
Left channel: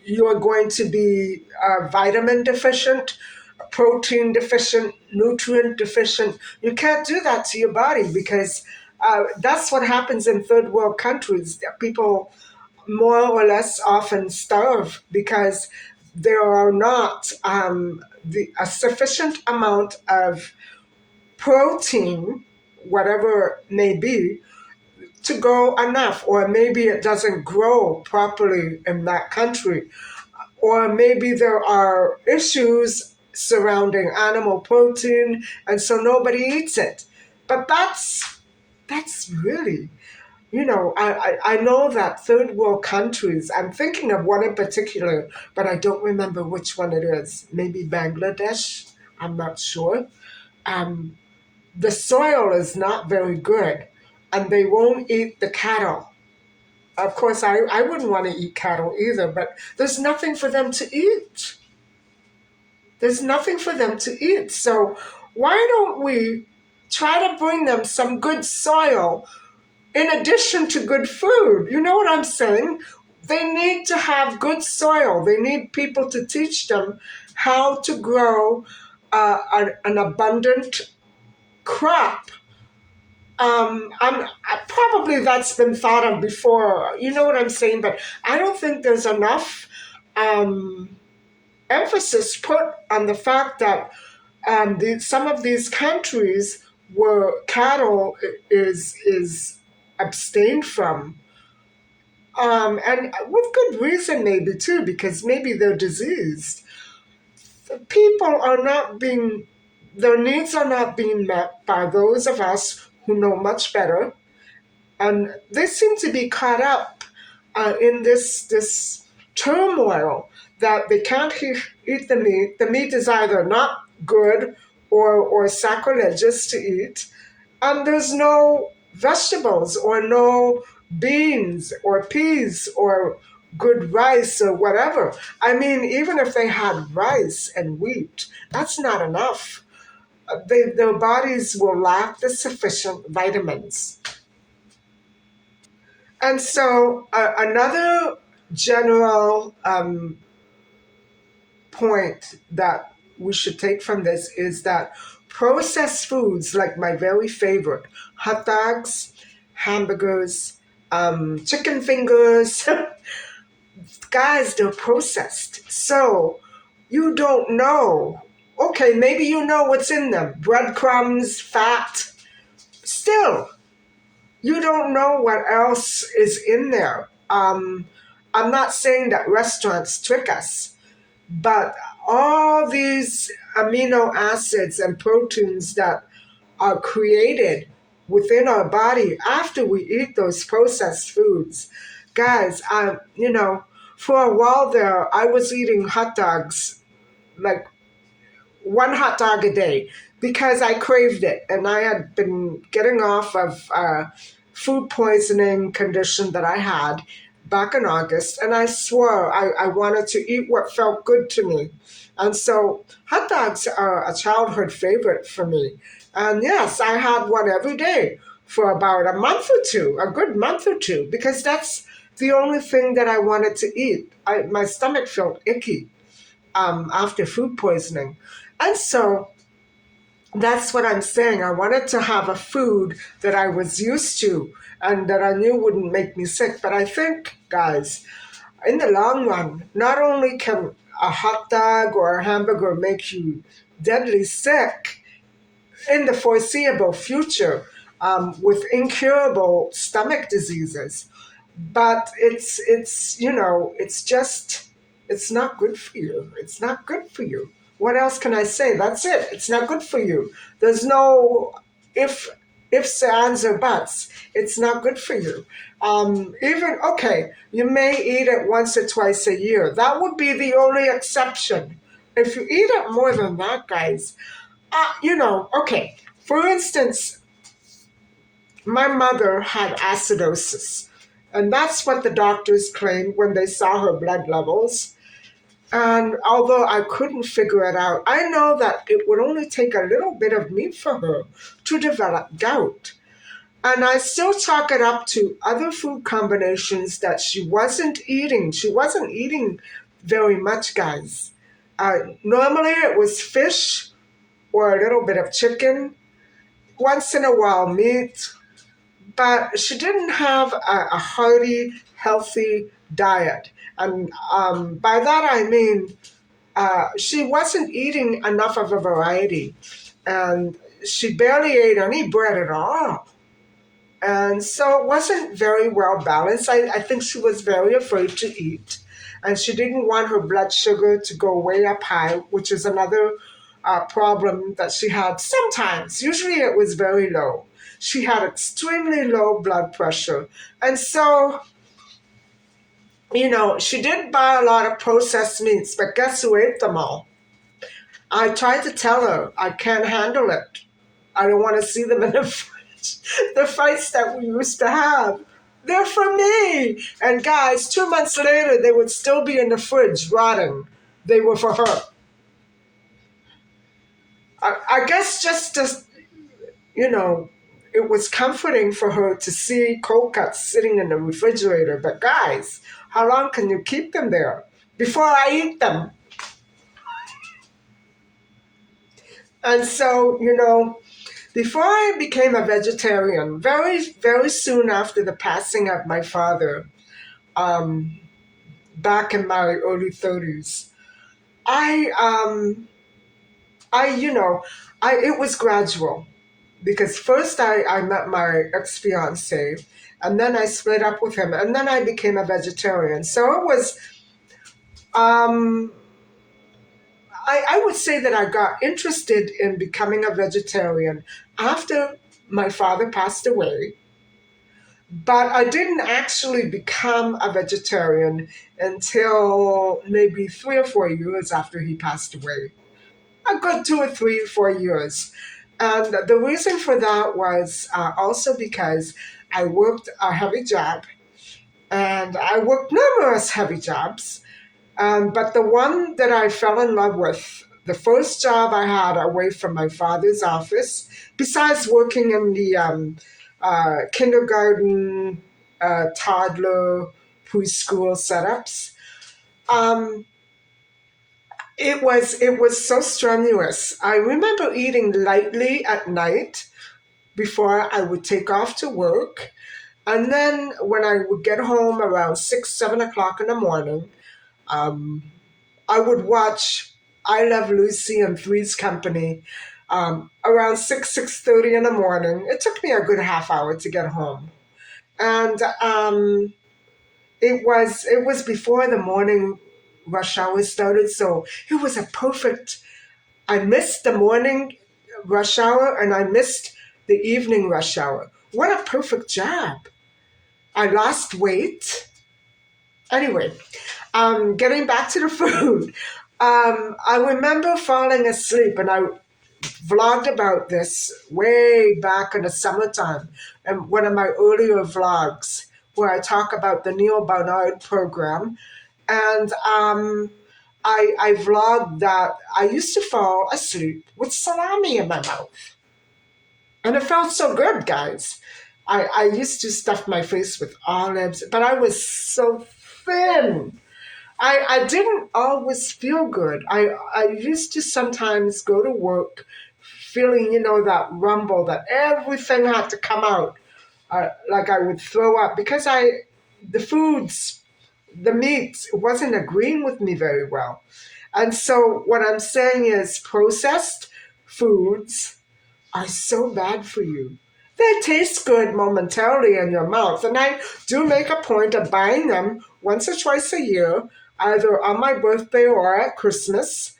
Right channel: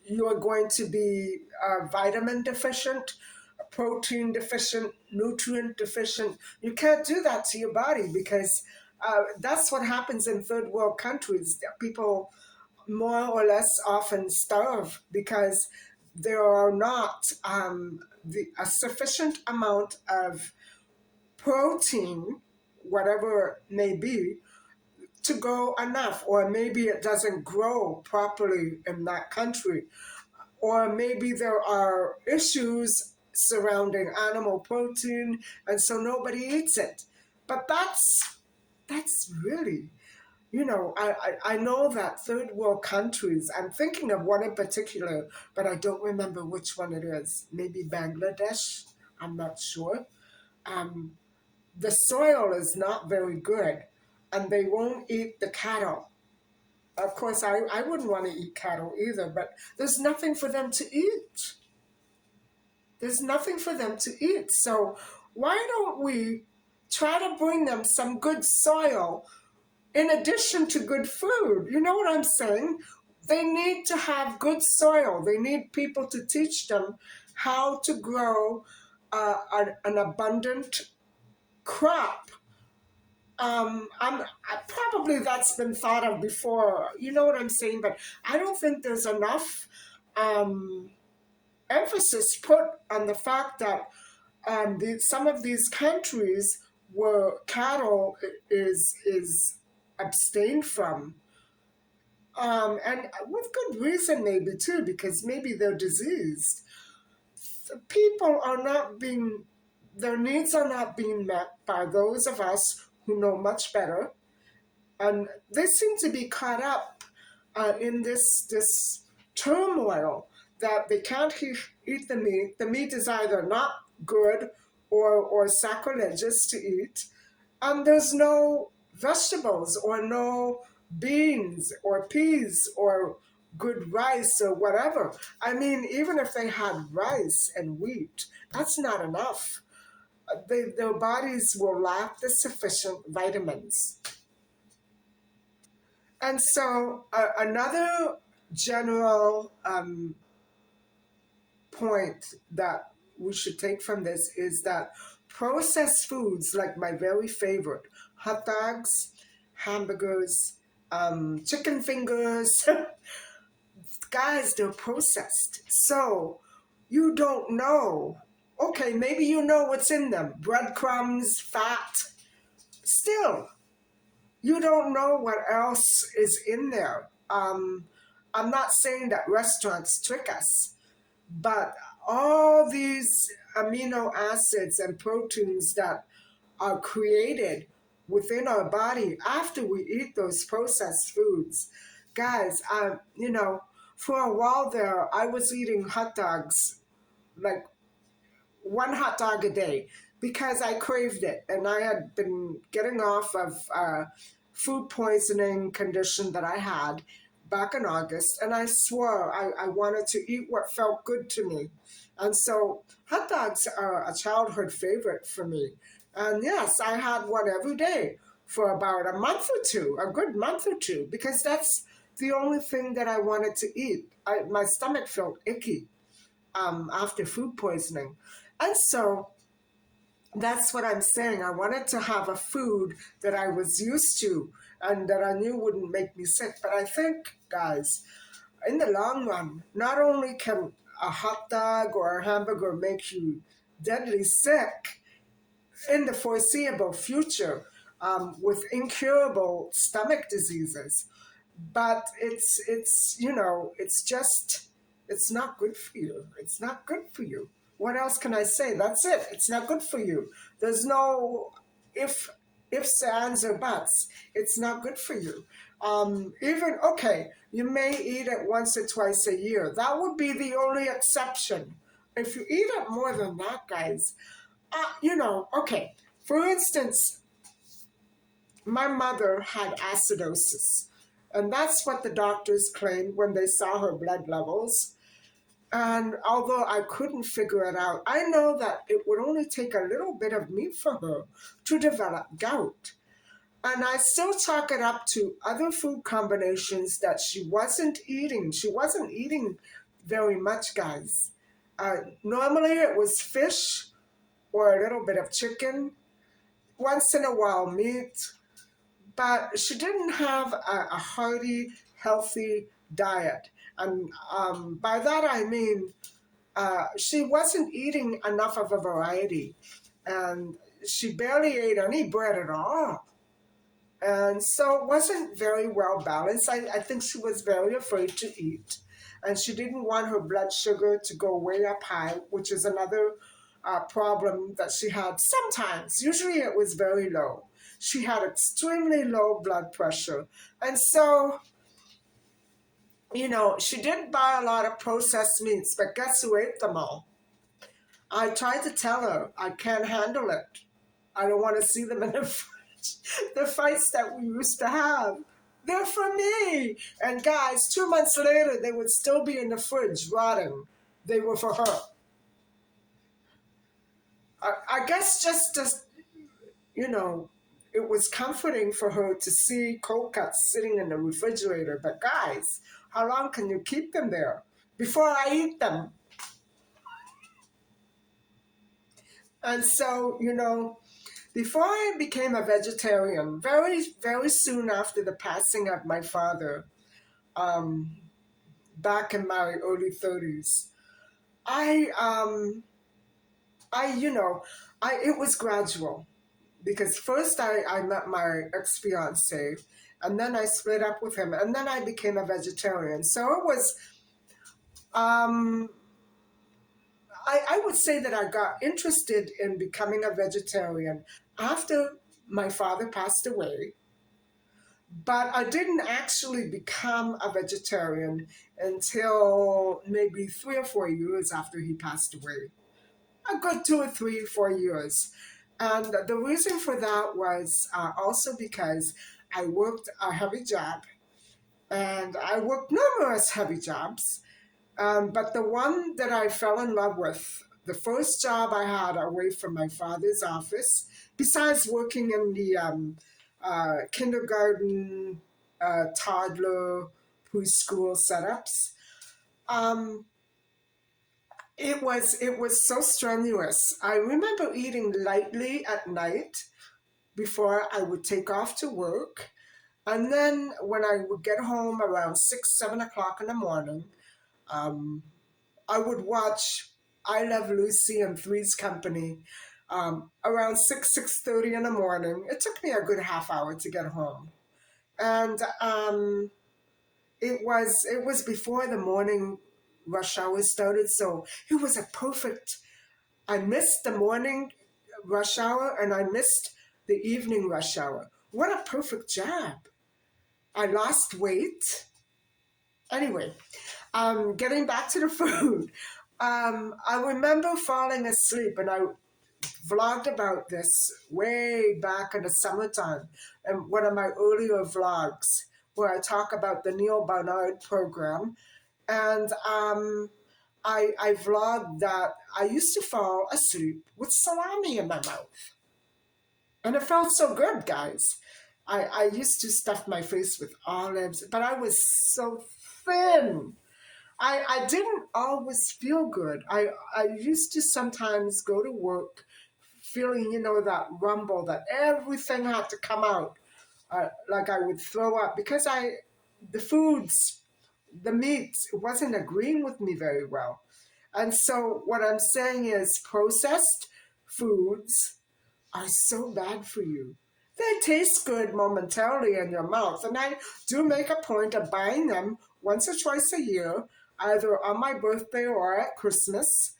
you're going to be vitamin deficient, protein deficient, nutrient deficient. You can't do that to your body, because that's what happens in third world countries. People more or less often starve because there are not a sufficient amount of protein, whatever it may be, to grow enough, or maybe it doesn't grow properly in that country, or maybe there are issues surrounding animal protein, and so nobody eats it. But that's really, I know that third world countries, I'm thinking of one in particular, but I don't remember which one it is. Maybe Bangladesh, I'm not sure. Um, the soil is not very good, and they won't eat the cattle. Of course, I wouldn't want to eat cattle either, but there's nothing for them to eat. There's nothing for them to eat. So why don't we try to bring them some good soil in addition to good food? You know what I'm saying? They need to have good soil. They need people to teach them how to grow an abundant crop. Probably that's been thought of before. You know what I'm saying? But I don't think there's enough um, emphasis put on the fact that some of these countries where cattle is abstained from, and with good reason maybe too, because maybe they're diseased. People are not being, their needs are not being met by those of us who know much better, and they seem to be caught up in this turmoil that they can't eat the meat. The meat is either not good or sacrilegious to eat, and there's no vegetables or no beans or peas or good rice or whatever. I mean, even if they had rice and wheat, that's not enough. Their bodies will lack the sufficient vitamins. And so, another general point that we should take from this is that processed foods, like my very favorite, hot dogs, hamburgers, chicken fingers, guys, they're processed. So you don't know. Okay, maybe you know what's in them, breadcrumbs, fat. Still, you don't know what else is in there. I'm not saying that restaurants trick us, but all these amino acids and proteins that are created within our body after we eat those processed foods, guys, for a while there, I was eating hot dogs like one hot dog a day because I craved it, and I had been getting off of a food poisoning condition that I had back in August, and I swore I wanted to eat what felt good to me. And so hot dogs are a childhood favorite for me. And yes, I had one every day for about a month or two, a good month or two, because that's the only thing that I wanted to eat. My stomach felt icky after food poisoning. And so that's what I'm saying. I wanted to have a food that I was used to and that I knew wouldn't make me sick. But I think, guys, in the long run, not only can a hot dog or a hamburger make you deadly sick in the foreseeable future with incurable stomach diseases, but it's just, it's not good for you. It's not good for you. What else can I say? That's it. It's not good for you. There's no if ifs, ands, or buts. It's not good for you. Even okay, you may eat it once or twice a year. That would be the only exception. If you eat it more than that, guys, okay. For instance, my mother had acidosis, and that's what the doctors claimed when they saw her blood levels. And although I couldn't figure it out, I know that it would only take a little bit of meat for her to develop gout. And I still chalk it up to other food combinations that she wasn't eating. She wasn't eating very much, guys. Normally it was fish or a little bit of chicken, once in a while meat, but she didn't have a hearty, healthy diet. And by that I mean she wasn't eating enough of a variety, and she barely ate any bread at all. And so it wasn't very well balanced. I think she was very afraid to eat, and she didn't want her blood sugar to go way up high, which is another problem that she had sometimes. Usually it was very low. She had extremely low blood pressure. And so, she did buy a lot of processed meats, but guess who ate them all? I tried to tell her I can't handle it. I don't want to see them in the fridge. The fights that we used to have, they're for me. And guys, 2 months later, they would still be in the fridge rotting. They were for her. I guess just to, it was comforting for her to see cold cuts sitting in the refrigerator. But guys, how long can you keep them there before I eat them? And so, before I became a vegetarian, very, very soon after the passing of my father, back in my early 30s, I I you know I it was gradual because first I met my ex fiance, and then I split up with him, and then I became a vegetarian. So it was um I would say that I got interested in becoming a vegetarian after my father passed away, but I didn't actually become a vegetarian until maybe 3 or 4 years after he passed away. A good 2 or 3, 4 years. And the reason for that was also because I worked a heavy job, and I worked numerous heavy jobs. But the one that I fell in love with, the first job I had away from my father's office, besides working in the kindergarten, toddler, preschool setups, um, it was so strenuous. I remember eating lightly at night before I would take off to work. And then when I would get home around 6, 7 o'clock in the morning, um, I would watch I Love Lucy and Three's Company around 6:30 in the morning. It took me a good half hour to get home, and it was before the morning rush hour started, so it was a perfect. I missed the morning rush hour and I missed the evening rush hour. What a perfect job! I lost weight. Anyway, getting back to the food, I remember falling asleep, and I vlogged about this way back in the summertime, and one of my earlier vlogs where I talk about the Neil Barnard program, and I vlogged that I used to fall asleep with salami in my mouth, and it felt so good, guys. I used to stuff my face with olives, but I was so thin. I didn't always feel good. I used to sometimes go to work feeling, that rumble that everything had to come out. Like I would throw up because the foods, the meat wasn't agreeing with me very well. And so what I'm saying is processed foods are so bad for you. They taste good momentarily in your mouth, and I do make a point of buying them once or twice a year, either on my birthday or at Christmas,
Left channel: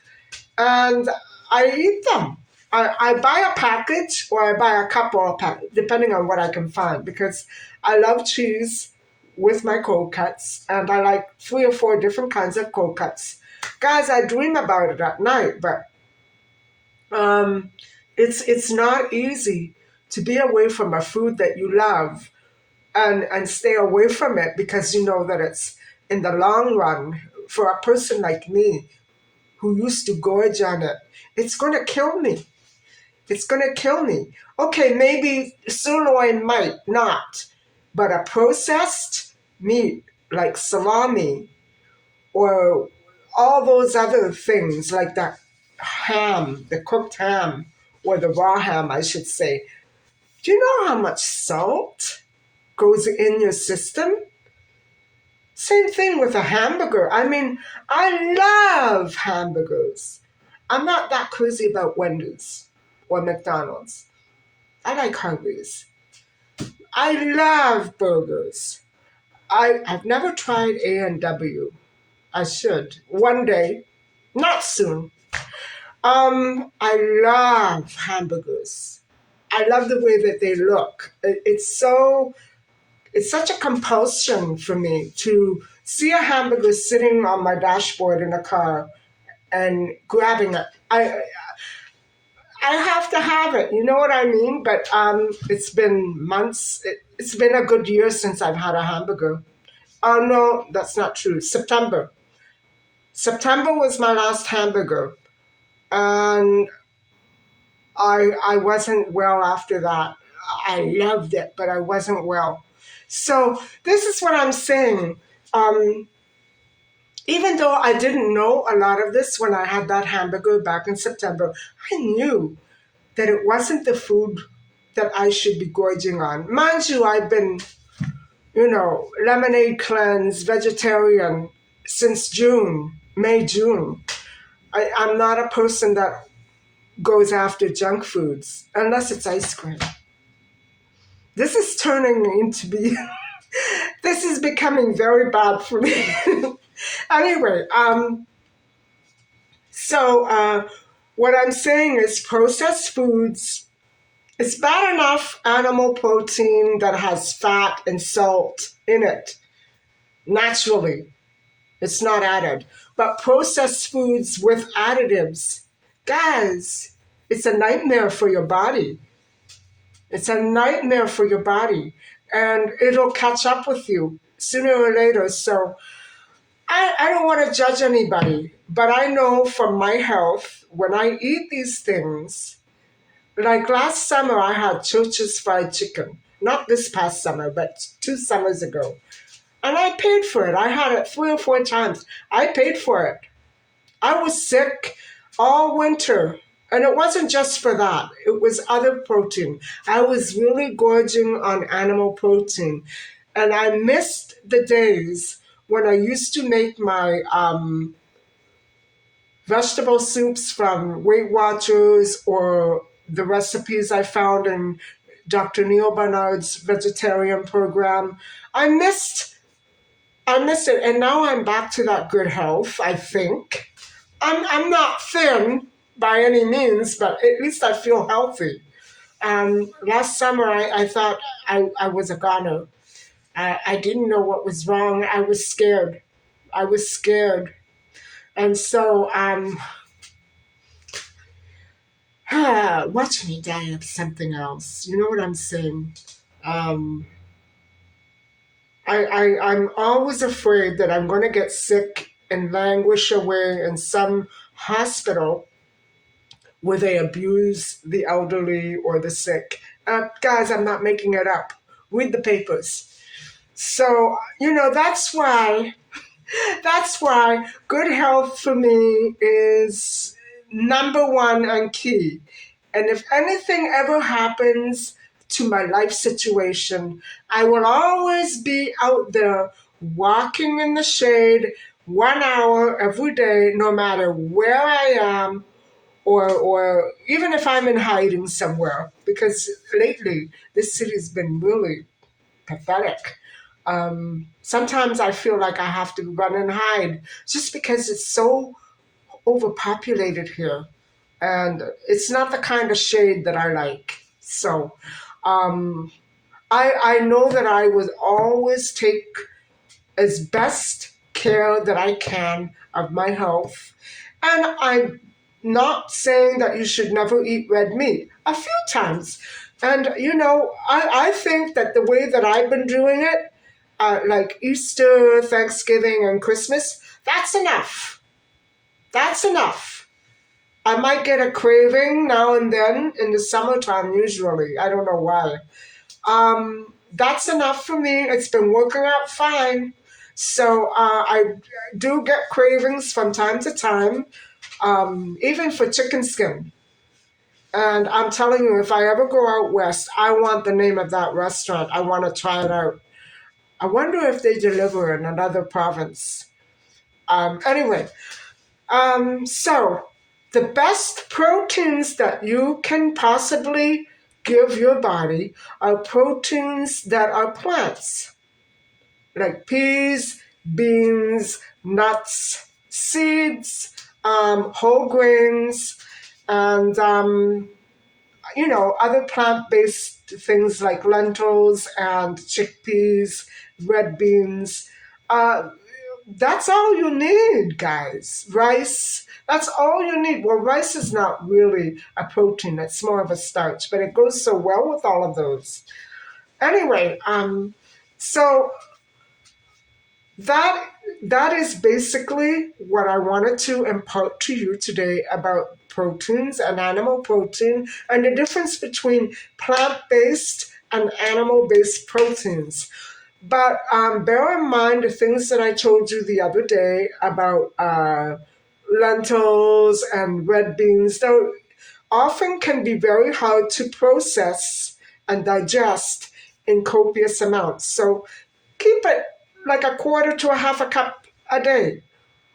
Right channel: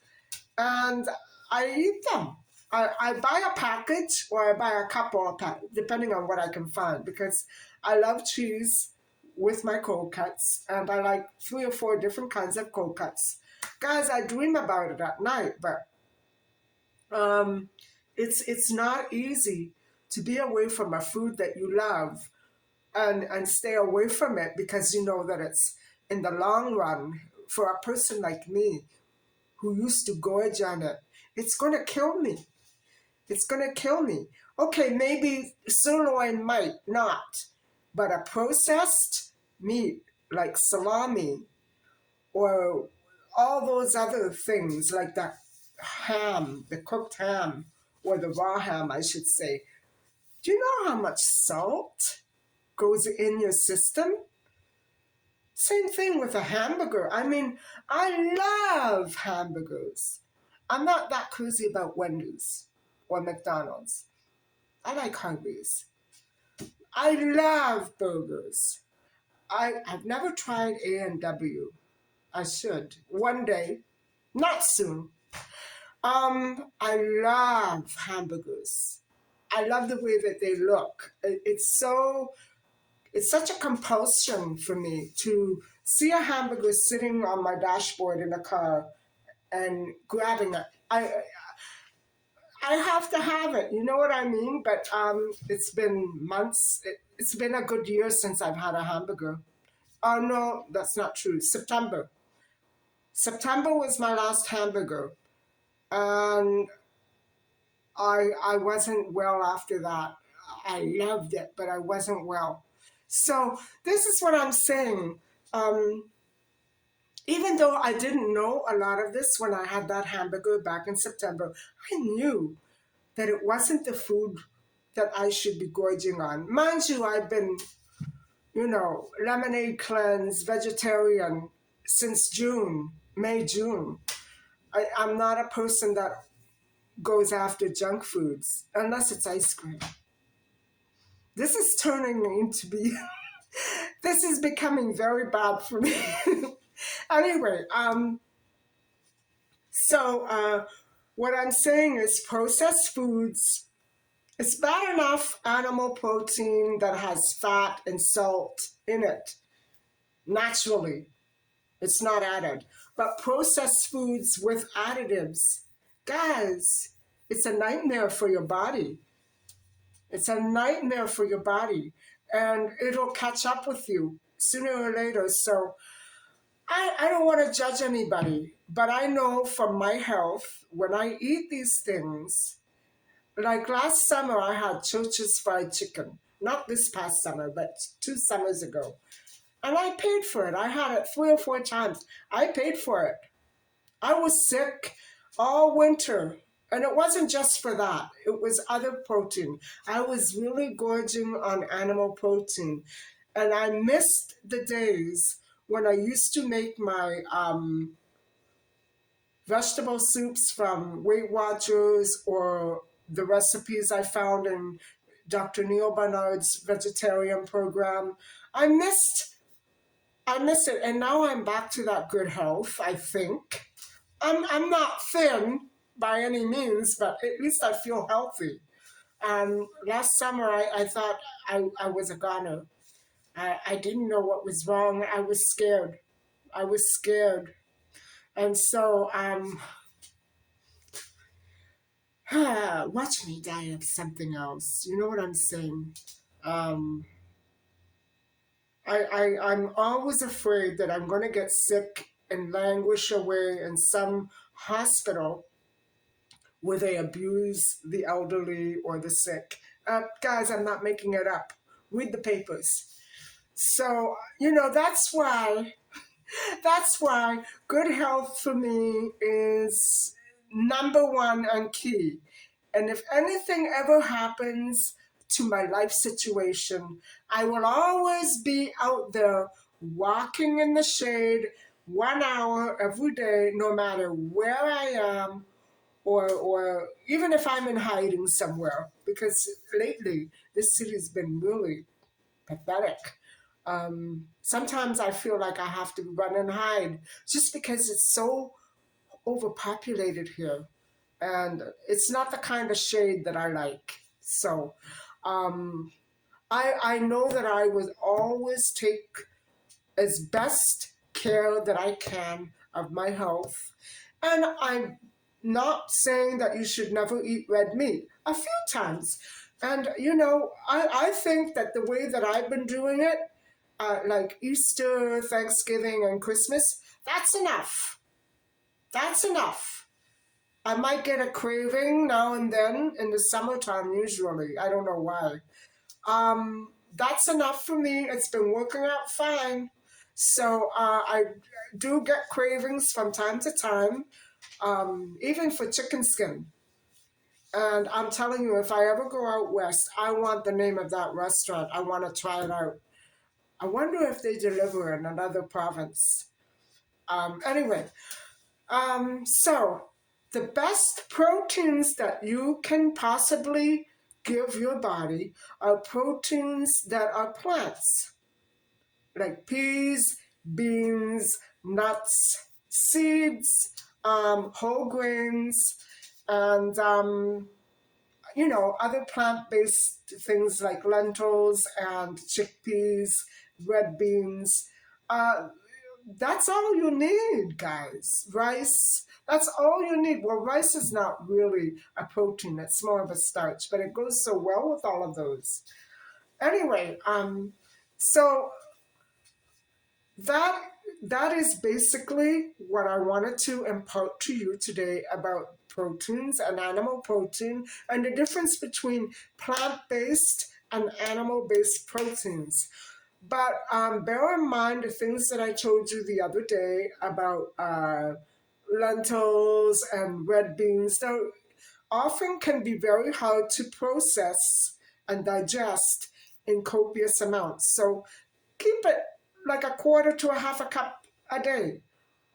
and I eat them. I buy a package or I buy a couple of packages, depending on what I can find, because I love cheese with my cold cuts, and I like 3 or 4 different kinds of cold cuts. Guys, I dream about it at night, but um, it's not easy to be away from a food that you love and stay away from it because you know that it's in the long run for a person like me who used to gorge on it, it's gonna kill me. It's gonna kill me. Okay, maybe sirloin might not, but a processed meat like salami or all those other things like that ham, the cooked ham, or the raw ham, I should say. Do you know how much salt goes in your system? Same thing with a hamburger. I mean, I love hamburgers. I'm not that crazy about Wendy's or McDonald's. I like Harvey's. I love burgers. I've never tried A&W. I should. One day. Not soon. I love hamburgers. I love the way that they look. It's such a compulsion for me to see a hamburger sitting on my dashboard in a car and grabbing it. I have to have it. You know what I mean? But it's been months. It's been a good year since I've had a hamburger. Oh no, that's not true. September. September was my last hamburger, and I wasn't well after that. I loved it, but I wasn't well. So this is what I'm saying. Um, Even though I didn't know a lot of this when I had that hamburger back in September, I knew that it wasn't the food that I should be gorging on. Mind you, I've been, lemonade cleanse, vegetarian since June, May, June. I'm not a person that goes after junk foods unless it's ice cream. This is turning into be this is becoming very bad for me. Anyway, what I'm saying is processed foods, it's bad enough animal protein that has fat and salt in it naturally. It's not added. But processed foods with additives, guys, it's a nightmare for your body. It's a nightmare for your body. And it'll catch up with you sooner or later. So I don't want to judge anybody, but I know from my health, when I eat these things, like last summer, I had Church's fried chicken. Not this past summer, but 2 summers ago. And I paid for it. I had it 3 or 4 times. I paid for it. I was sick all winter. And it wasn't just for that, it was other protein. I was really gorging on animal protein. And I missed the days when I used to make my vegetable soups from Weight Watchers or the recipes I found in Dr. Neil Barnard's vegetarian program. I missed it, and now I'm back to that good health, I think. I'm not thin by any means, but at least I feel healthy. Last summer, I thought I was a goner. I didn't know what was wrong. I was scared. I was scared. And so, watch me die of something else. You know what I'm saying? Um, I'm always afraid that I'm going to get sick and languish away in some hospital where they abuse the elderly or the sick. Guys, I'm not making it up. Read the papers. So, that's why good health for me is number one and key. And if anything ever happens to my life situation, I will always be out there walking in the shade 1 hour every day, no matter where I am, or even if I'm in hiding somewhere. Because lately, this city's been really pathetic. Sometimes I feel like I have to run and hide just because it's so overpopulated here. And it's not the kind of shade that I like. So um, I know that I would always take as best care that I can of my health. And I'm not saying that you should never eat red meat. A few times. And, I think that the way that I've been doing it, like Easter, Thanksgiving, and Christmas, that's enough. That's enough. I might get a craving now and then in the summertime, usually. I don't know why. That's enough for me. It's been working out fine. So I do get cravings from time to time, even for chicken skin. And I'm telling you, if I ever go out west, I want the name of that restaurant. I want to try it out. I wonder if they deliver in another province. Anyway, so the best proteins that you can possibly give your body are proteins that are plants, like peas, beans, nuts, seeds, whole grains, and other plant-based things like lentils and chickpeas, red beans. Uh, that's all you need, guys. Rice, that's all you need. Well, rice is not really a protein, it's more of a starch, but it goes so well with all of those. Anyway, so that that is basically what I wanted to impart to you today about proteins and animal protein and the difference between plant-based and animal-based proteins. But bear in mind the things that I told you the other day about lentils and red beans. They often can be very hard to process and digest in copious amounts. So keep it like a quarter to a half a cup a day,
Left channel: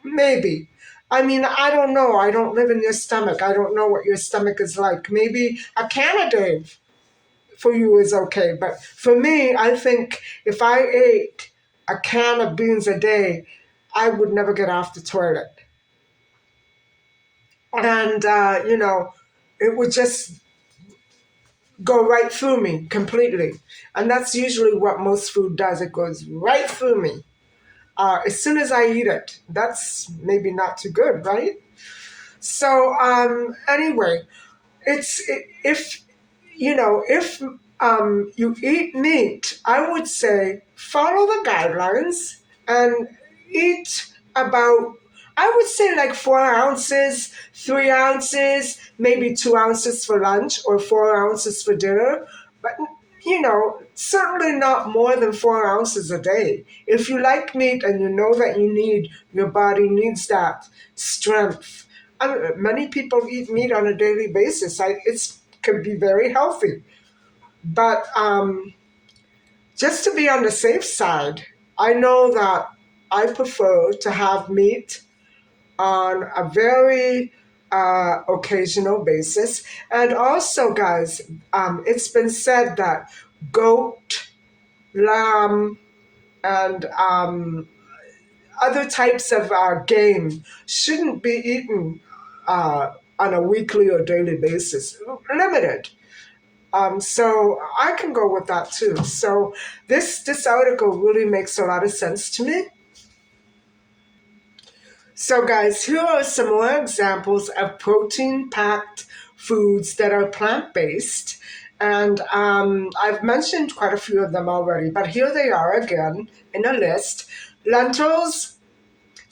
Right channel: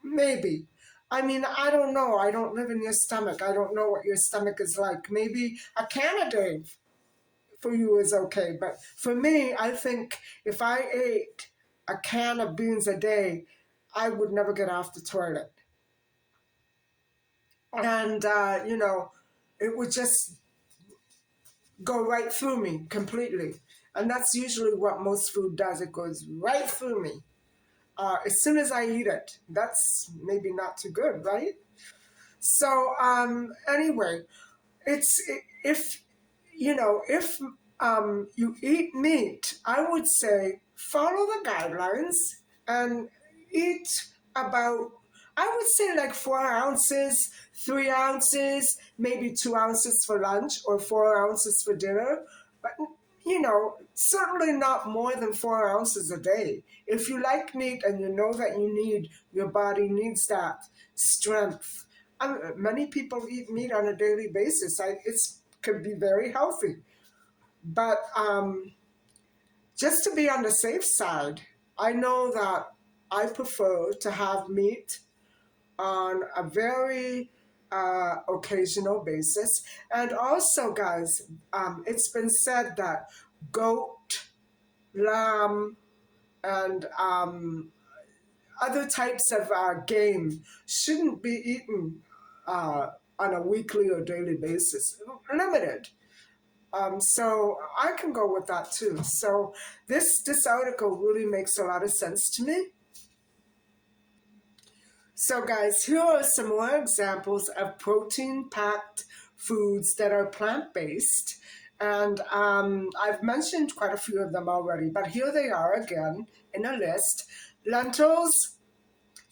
maybe. I mean, I don't know. I don't live in your stomach. I don't know what your stomach is like. Maybe a can a day for you is okay. But for me, I think if I ate a can of beans a day, I would never get off the toilet. And, it would just go right through me completely. And that's usually what most food does. It goes right through me. As soon as I eat it, that's maybe not too good, right? So anyway, if you eat meat, I would say follow the guidelines and eat about, I would say, like 4 ounces, 3 ounces, maybe 2 ounces for lunch or 4 ounces for dinner. But certainly not more than 4 ounces a day. If you like meat and you know that your body needs that strength. Many people eat meat on a daily basis. It's can be very healthy, but just to be on the safe side, I know that I prefer to have meat on a very occasional basis. And also, guys, it's been said that goat, lamb, and other types of game shouldn't be eaten on a weekly or daily basis. Limited. So I can go with that too. So this article really makes a lot of sense to me. So guys, here are some more examples of protein-packed foods that are plant-based. And I've mentioned quite a few of them already, but here they are again in a list. Lentils,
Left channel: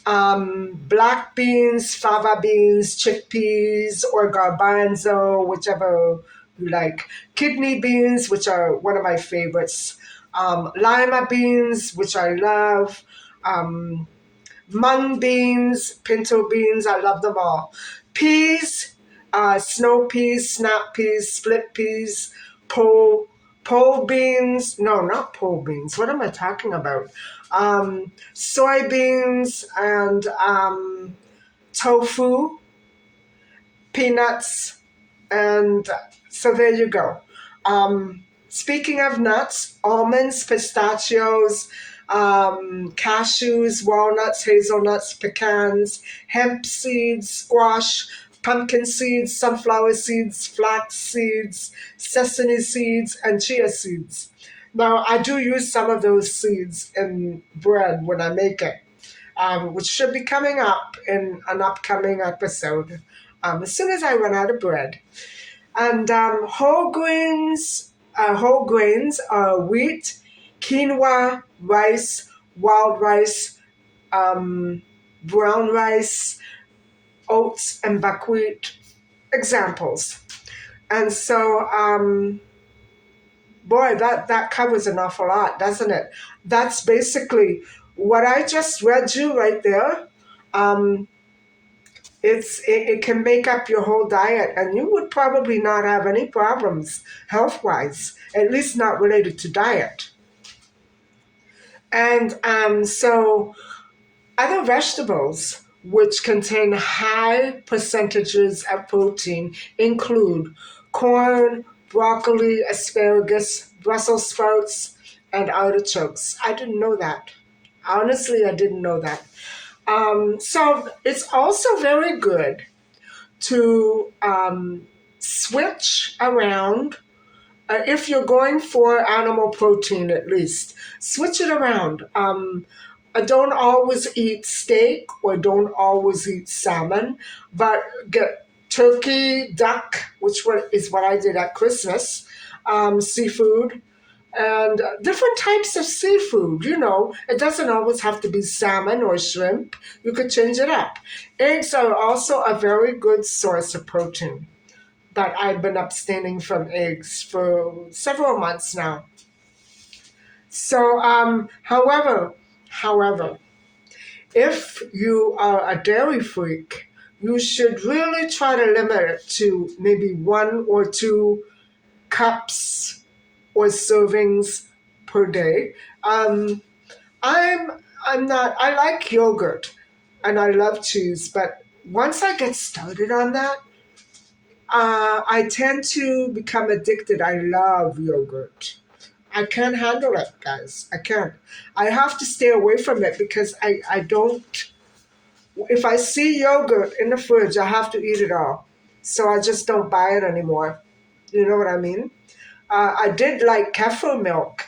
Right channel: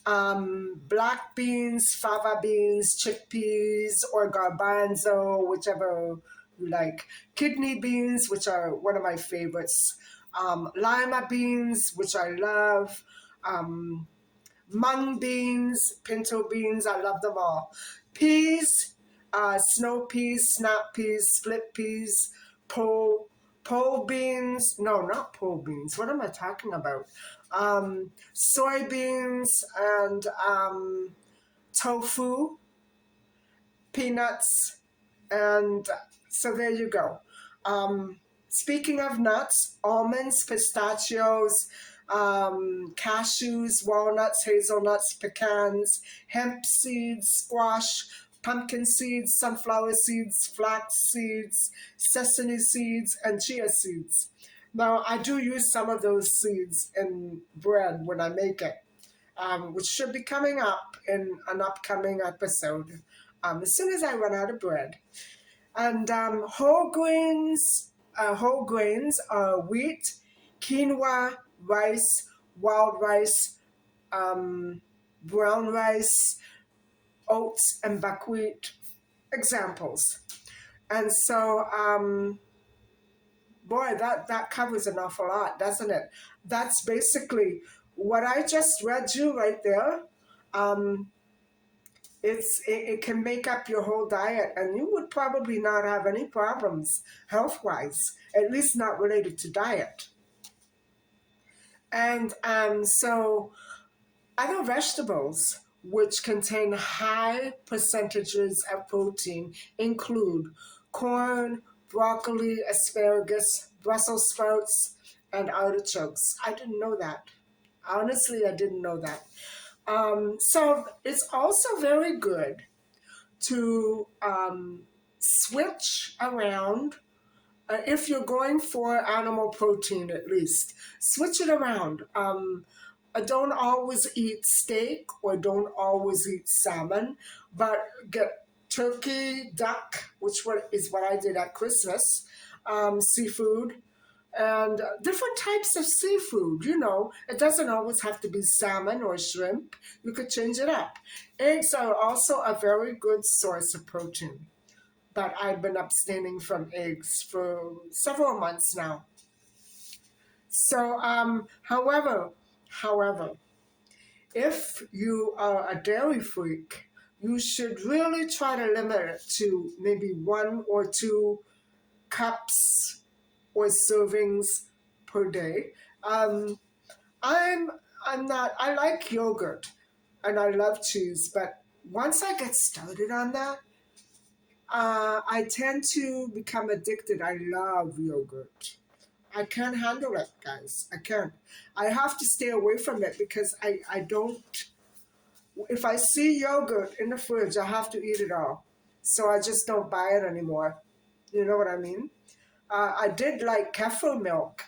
black beans, fava beans, chickpeas, or garbanzo, whichever you like. Kidney beans, which are one of my favorites. Lima beans, which I love. Um, Mung beans, pinto beans, I love them all. Peas, snow peas, snap peas, split peas, pole beans. No, not pole beans. What am I talking about? Soybeans and tofu, peanuts, and so there you go. Speaking of nuts, almonds, pistachios, cashews, walnuts, hazelnuts, pecans, hemp seeds, squash, pumpkin seeds, sunflower seeds, flax seeds, sesame seeds, and chia seeds. Now, I do use some of those seeds in bread when I make it, which should be coming up in an upcoming episode as soon as I run out of bread. And whole grains are wheat, quinoa, rice, wild rice, um, brown rice, oats, and buckwheat examples. And so, boy, that covers an awful lot, doesn't it? That's basically what I just read you right there. Um, it can make up your whole diet, and you would probably not have any problems health wise, at least not related to diet. And so other vegetables which contain high percentages of protein include corn, broccoli, asparagus, Brussels sprouts, and artichokes. I didn't know that. Honestly, I didn't know that. So it's also very good to switch around. If you're going for animal protein, at least, switch it around. Don't always eat steak or don't always eat salmon, but get turkey, duck, is what I did at Christmas, seafood, and different types of seafood. It doesn't always have to be salmon or shrimp. You could change it up. Eggs are also a very good source of protein, but I've been abstaining from eggs for several months now. So, however, if you are a dairy freak, you should really try to limit it to maybe 1 or 2 cups or servings per day. I'm I'm not. I like yogurt and I love cheese, but once I get started on that, I tend to become addicted. I love yogurt. I can't handle it, guys. I can't. I have to stay away from it because I don't. If I see yogurt in the fridge, I have to eat it all. So I just don't buy it anymore. You know what I mean? I did like kefir milk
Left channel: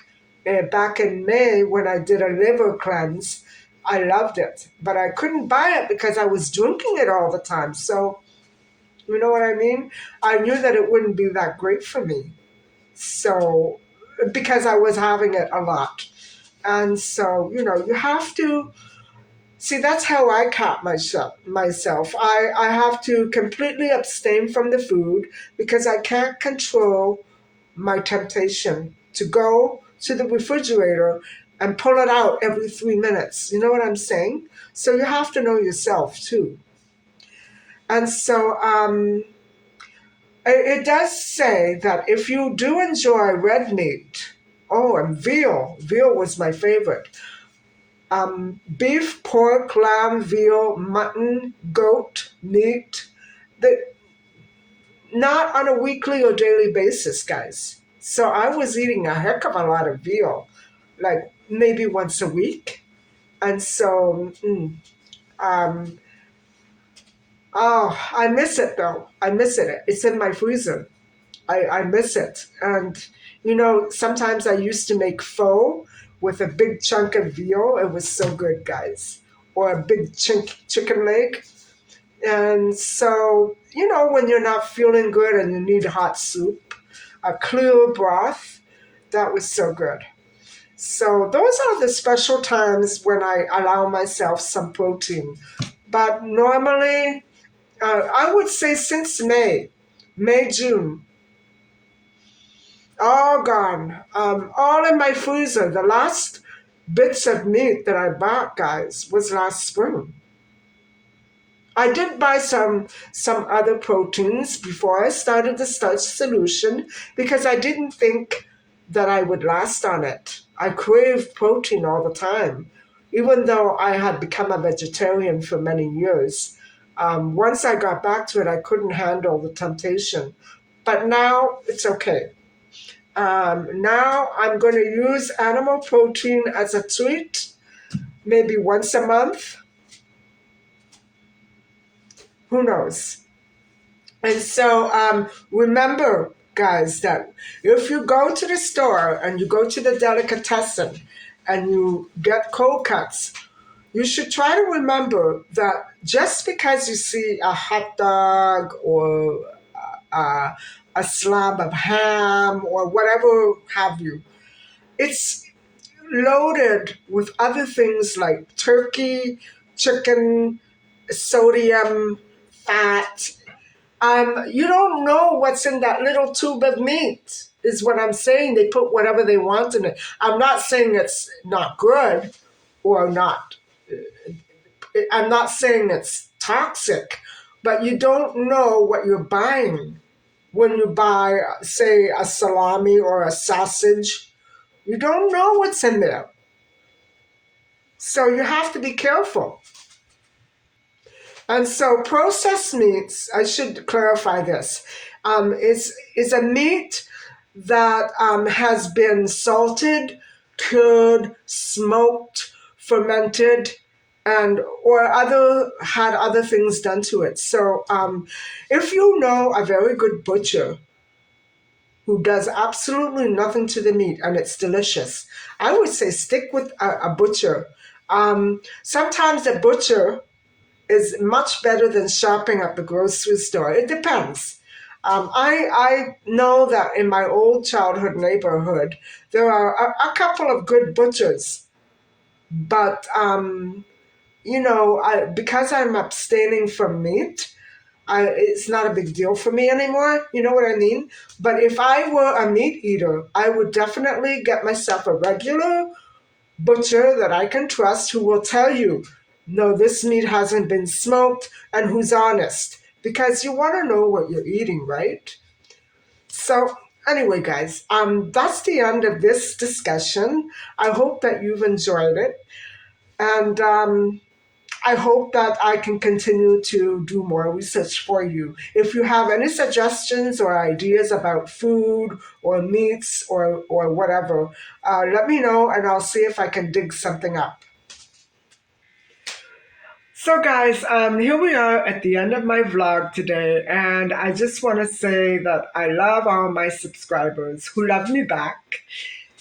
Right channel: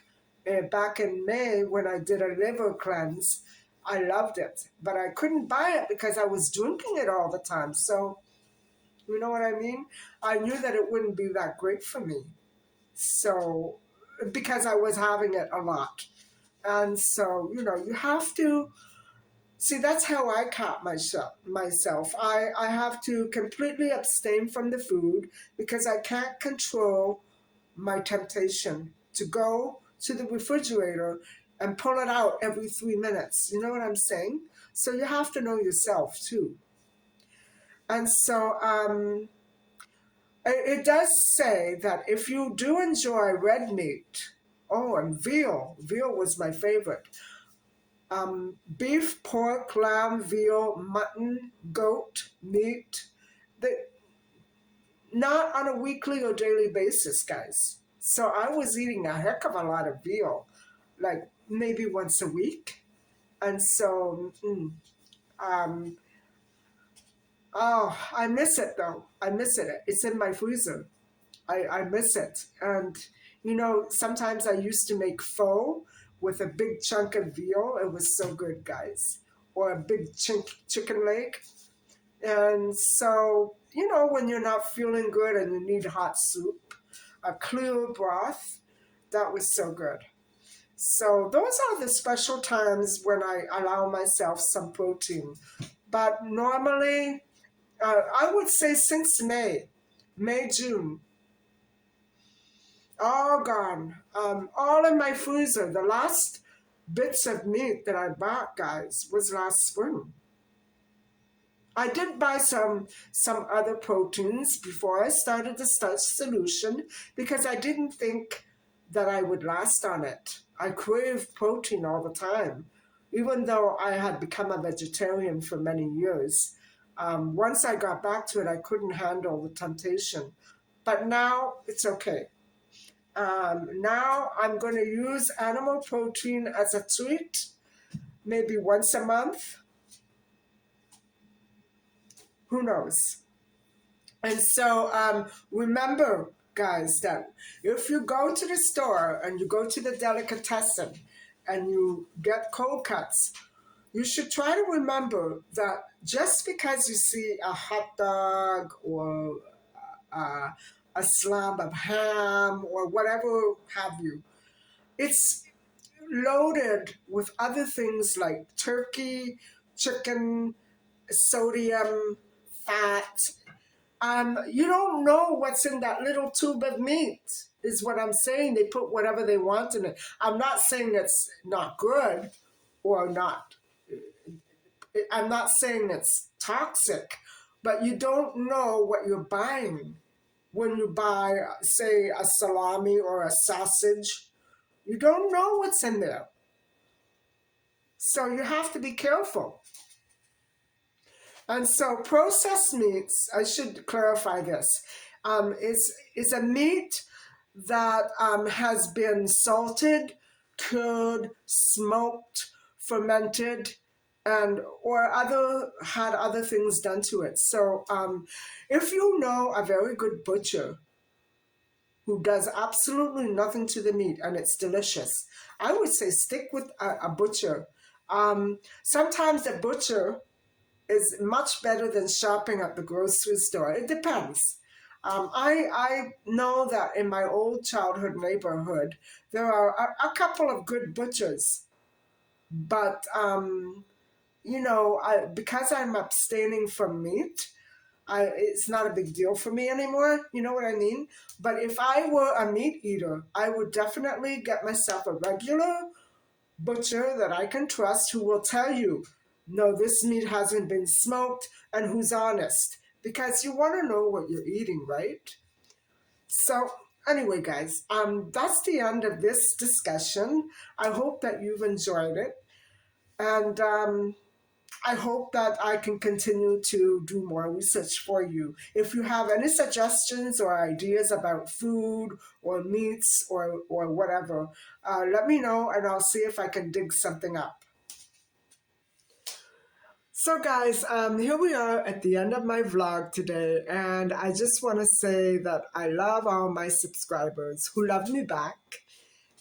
back in May when I did a liver cleanse. I loved it, but I couldn't buy it because I was drinking it all the time. So, you know what I mean? I knew that it wouldn't be that great for me. So, because I was having it a lot. And so, you have to see, that's how I cap myself. I have to completely abstain from the food because I can't control my temptation to go to the refrigerator and pull it out every 3 minutes. You know what I'm saying? So you have to know yourself too. And so it does say that if you do enjoy red meat, oh, and veal was my favorite. Beef, pork, lamb, veal, mutton, goat, meat, the, not on a weekly or daily basis, guys. So I was eating a heck of a lot of veal, like maybe once a week. And so, um, oh, I miss it though. I miss it. It's in my freezer. I miss it. And, sometimes I used to make pho with a big chunk of veal. It was so good, guys. Or a big chicken leg. And so, when you're not feeling good and you need hot soup, a clear broth, that was so good. So, those are the special times when I allow myself some protein. But normally, I would say since June, all gone. All in my freezer. The last bits of meat that I bought, guys, was last spring. I did buy some other proteins before I started the starch solution because I didn't think that I would last on it. I crave protein all the time, even though I had become a vegetarian for many years. Once I got back to it, I couldn't handle the temptation. But now it's okay. Now I'm going to use animal protein as a treat, maybe once a month. Who knows? And so remember, guys, that if you go to the store and you go to the delicatessen and you get cold cuts, you should try to remember that just because you see a hot dog or uh, a slab of ham or whatever have you, it's loaded with other things like turkey, chicken, sodium, fat. You don't know what's in that little tube of meat, is what I'm saying. They put whatever they want in it. I'm not saying it's not good or not. I'm not saying it's toxic, but you don't know what you're buying when you buy, say, a salami or a sausage. You don't know what's in there. So you have to be careful. And so processed meats, I should clarify this, is a meat that has been salted, cured, smoked, fermented, and or had other things done to it. So if you know a very good butcher who does absolutely nothing to the meat and it's delicious, I would say stick with a butcher. Sometimes the butcher is much better than shopping at the grocery store. It depends. I know that in my old childhood neighborhood, there are a couple of good butchers, but because I'm abstaining from meat, it's not a big deal for me anymore. You know what I mean? But if I were a meat eater, I would definitely get myself a regular butcher that I can trust who will tell you, no, this meat hasn't been smoked, and who's honest. Because you want to know what you're eating, right? So, anyway, guys, that's the end of this discussion. I hope that you've enjoyed it. And I hope that I can continue to do more research for you. If you have any suggestions or ideas about food or meats or whatever, let me know and I'll see if I can dig something up. So, guys, here we are at the end of my vlog today, and I just want to say that I love all my subscribers who love me back.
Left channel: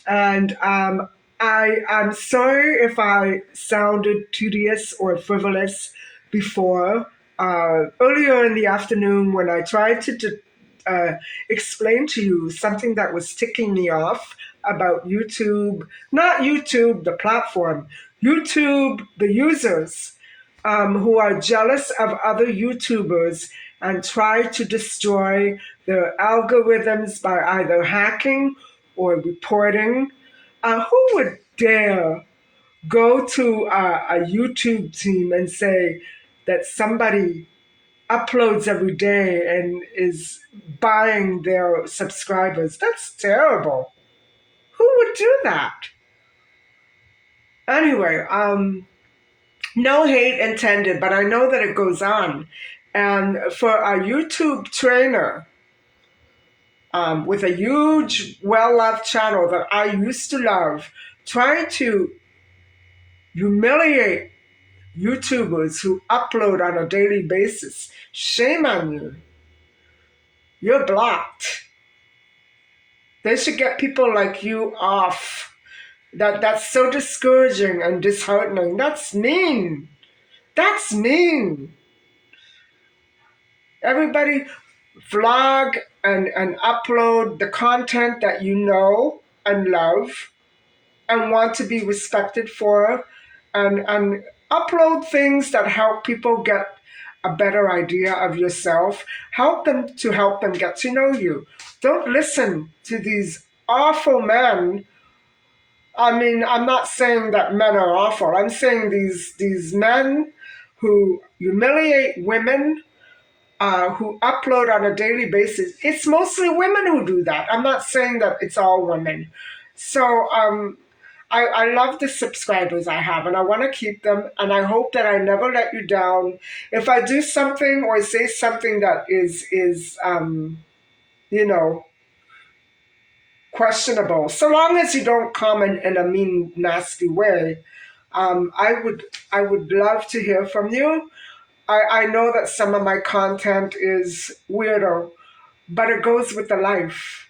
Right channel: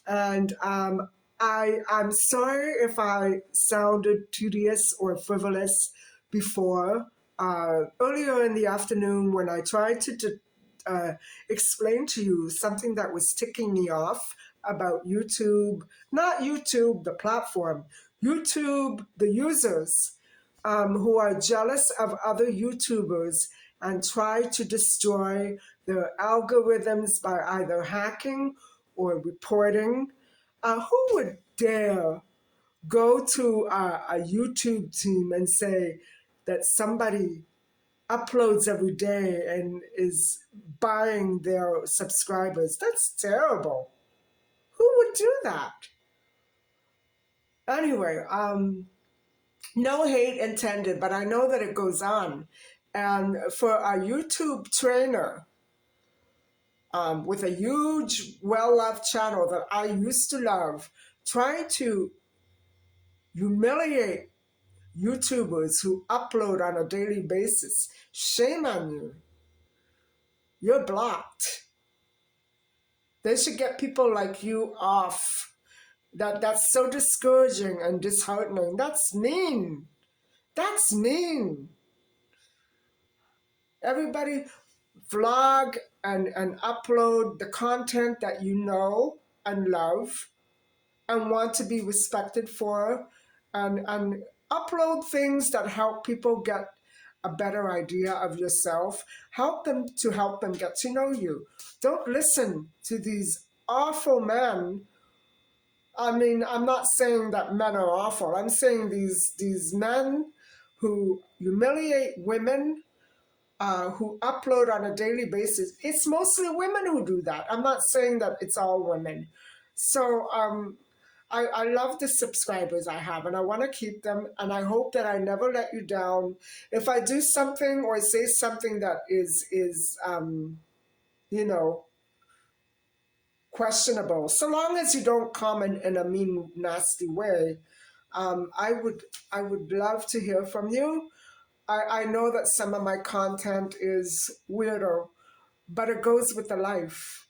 And I'm sorry if I sounded tedious or frivolous before. Earlier in the afternoon, when I tried to uh, explain to you something that was ticking me off about YouTube, not YouTube, the platform, YouTube, the users who are jealous of other YouTubers and try to destroy their algorithms by either hacking or reporting. Who would dare go to a YouTube team and say that somebody uploads every day and is buying their subscribers? That's terrible. Who would do that? Anyway, no hate intended, but I know that it goes on. And for a YouTube trainer with a huge, well loved channel that I used to love, trying to humiliate YouTubers who upload on a daily basis, shame on you. You're blocked. They should get people like you off. That's so discouraging and disheartening. That's mean. That's mean. Everybody vlog and upload the content that you know and love and want to be respected for, and upload things that help people get a better idea of yourself, help them get to know you. Don't listen to these awful men. I mean, I'm not saying that men are awful. I'm saying these men who humiliate women, who upload on a daily basis. It's mostly women who do that. I'm not saying that it's all women. So I love the subscribers I have, and I want to keep them, and I hope that I never let you down. If I do something or say something that is you know, questionable, so long as you don't comment in a mean, nasty way, I would love to hear from you. I know that some of my content is weirdo, but it goes with the life.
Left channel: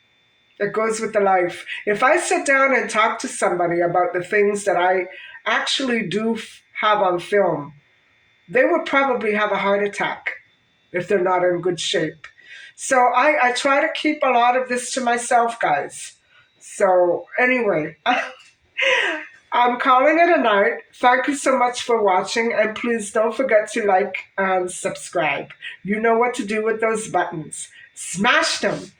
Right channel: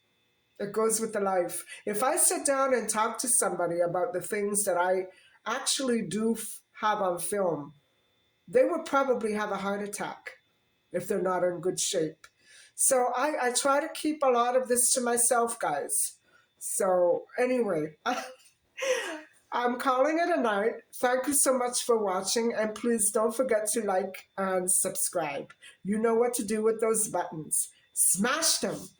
It goes with the life. If I sit down and talk to somebody about the things that I actually do have on film, they would probably have a heart attack if they're not in good shape. So I try to keep a lot of this to myself, guys. So anyway, I'm calling it a night. Thank you so much for watching, and please don't forget to like and subscribe. You know what to do with those buttons. Smash them.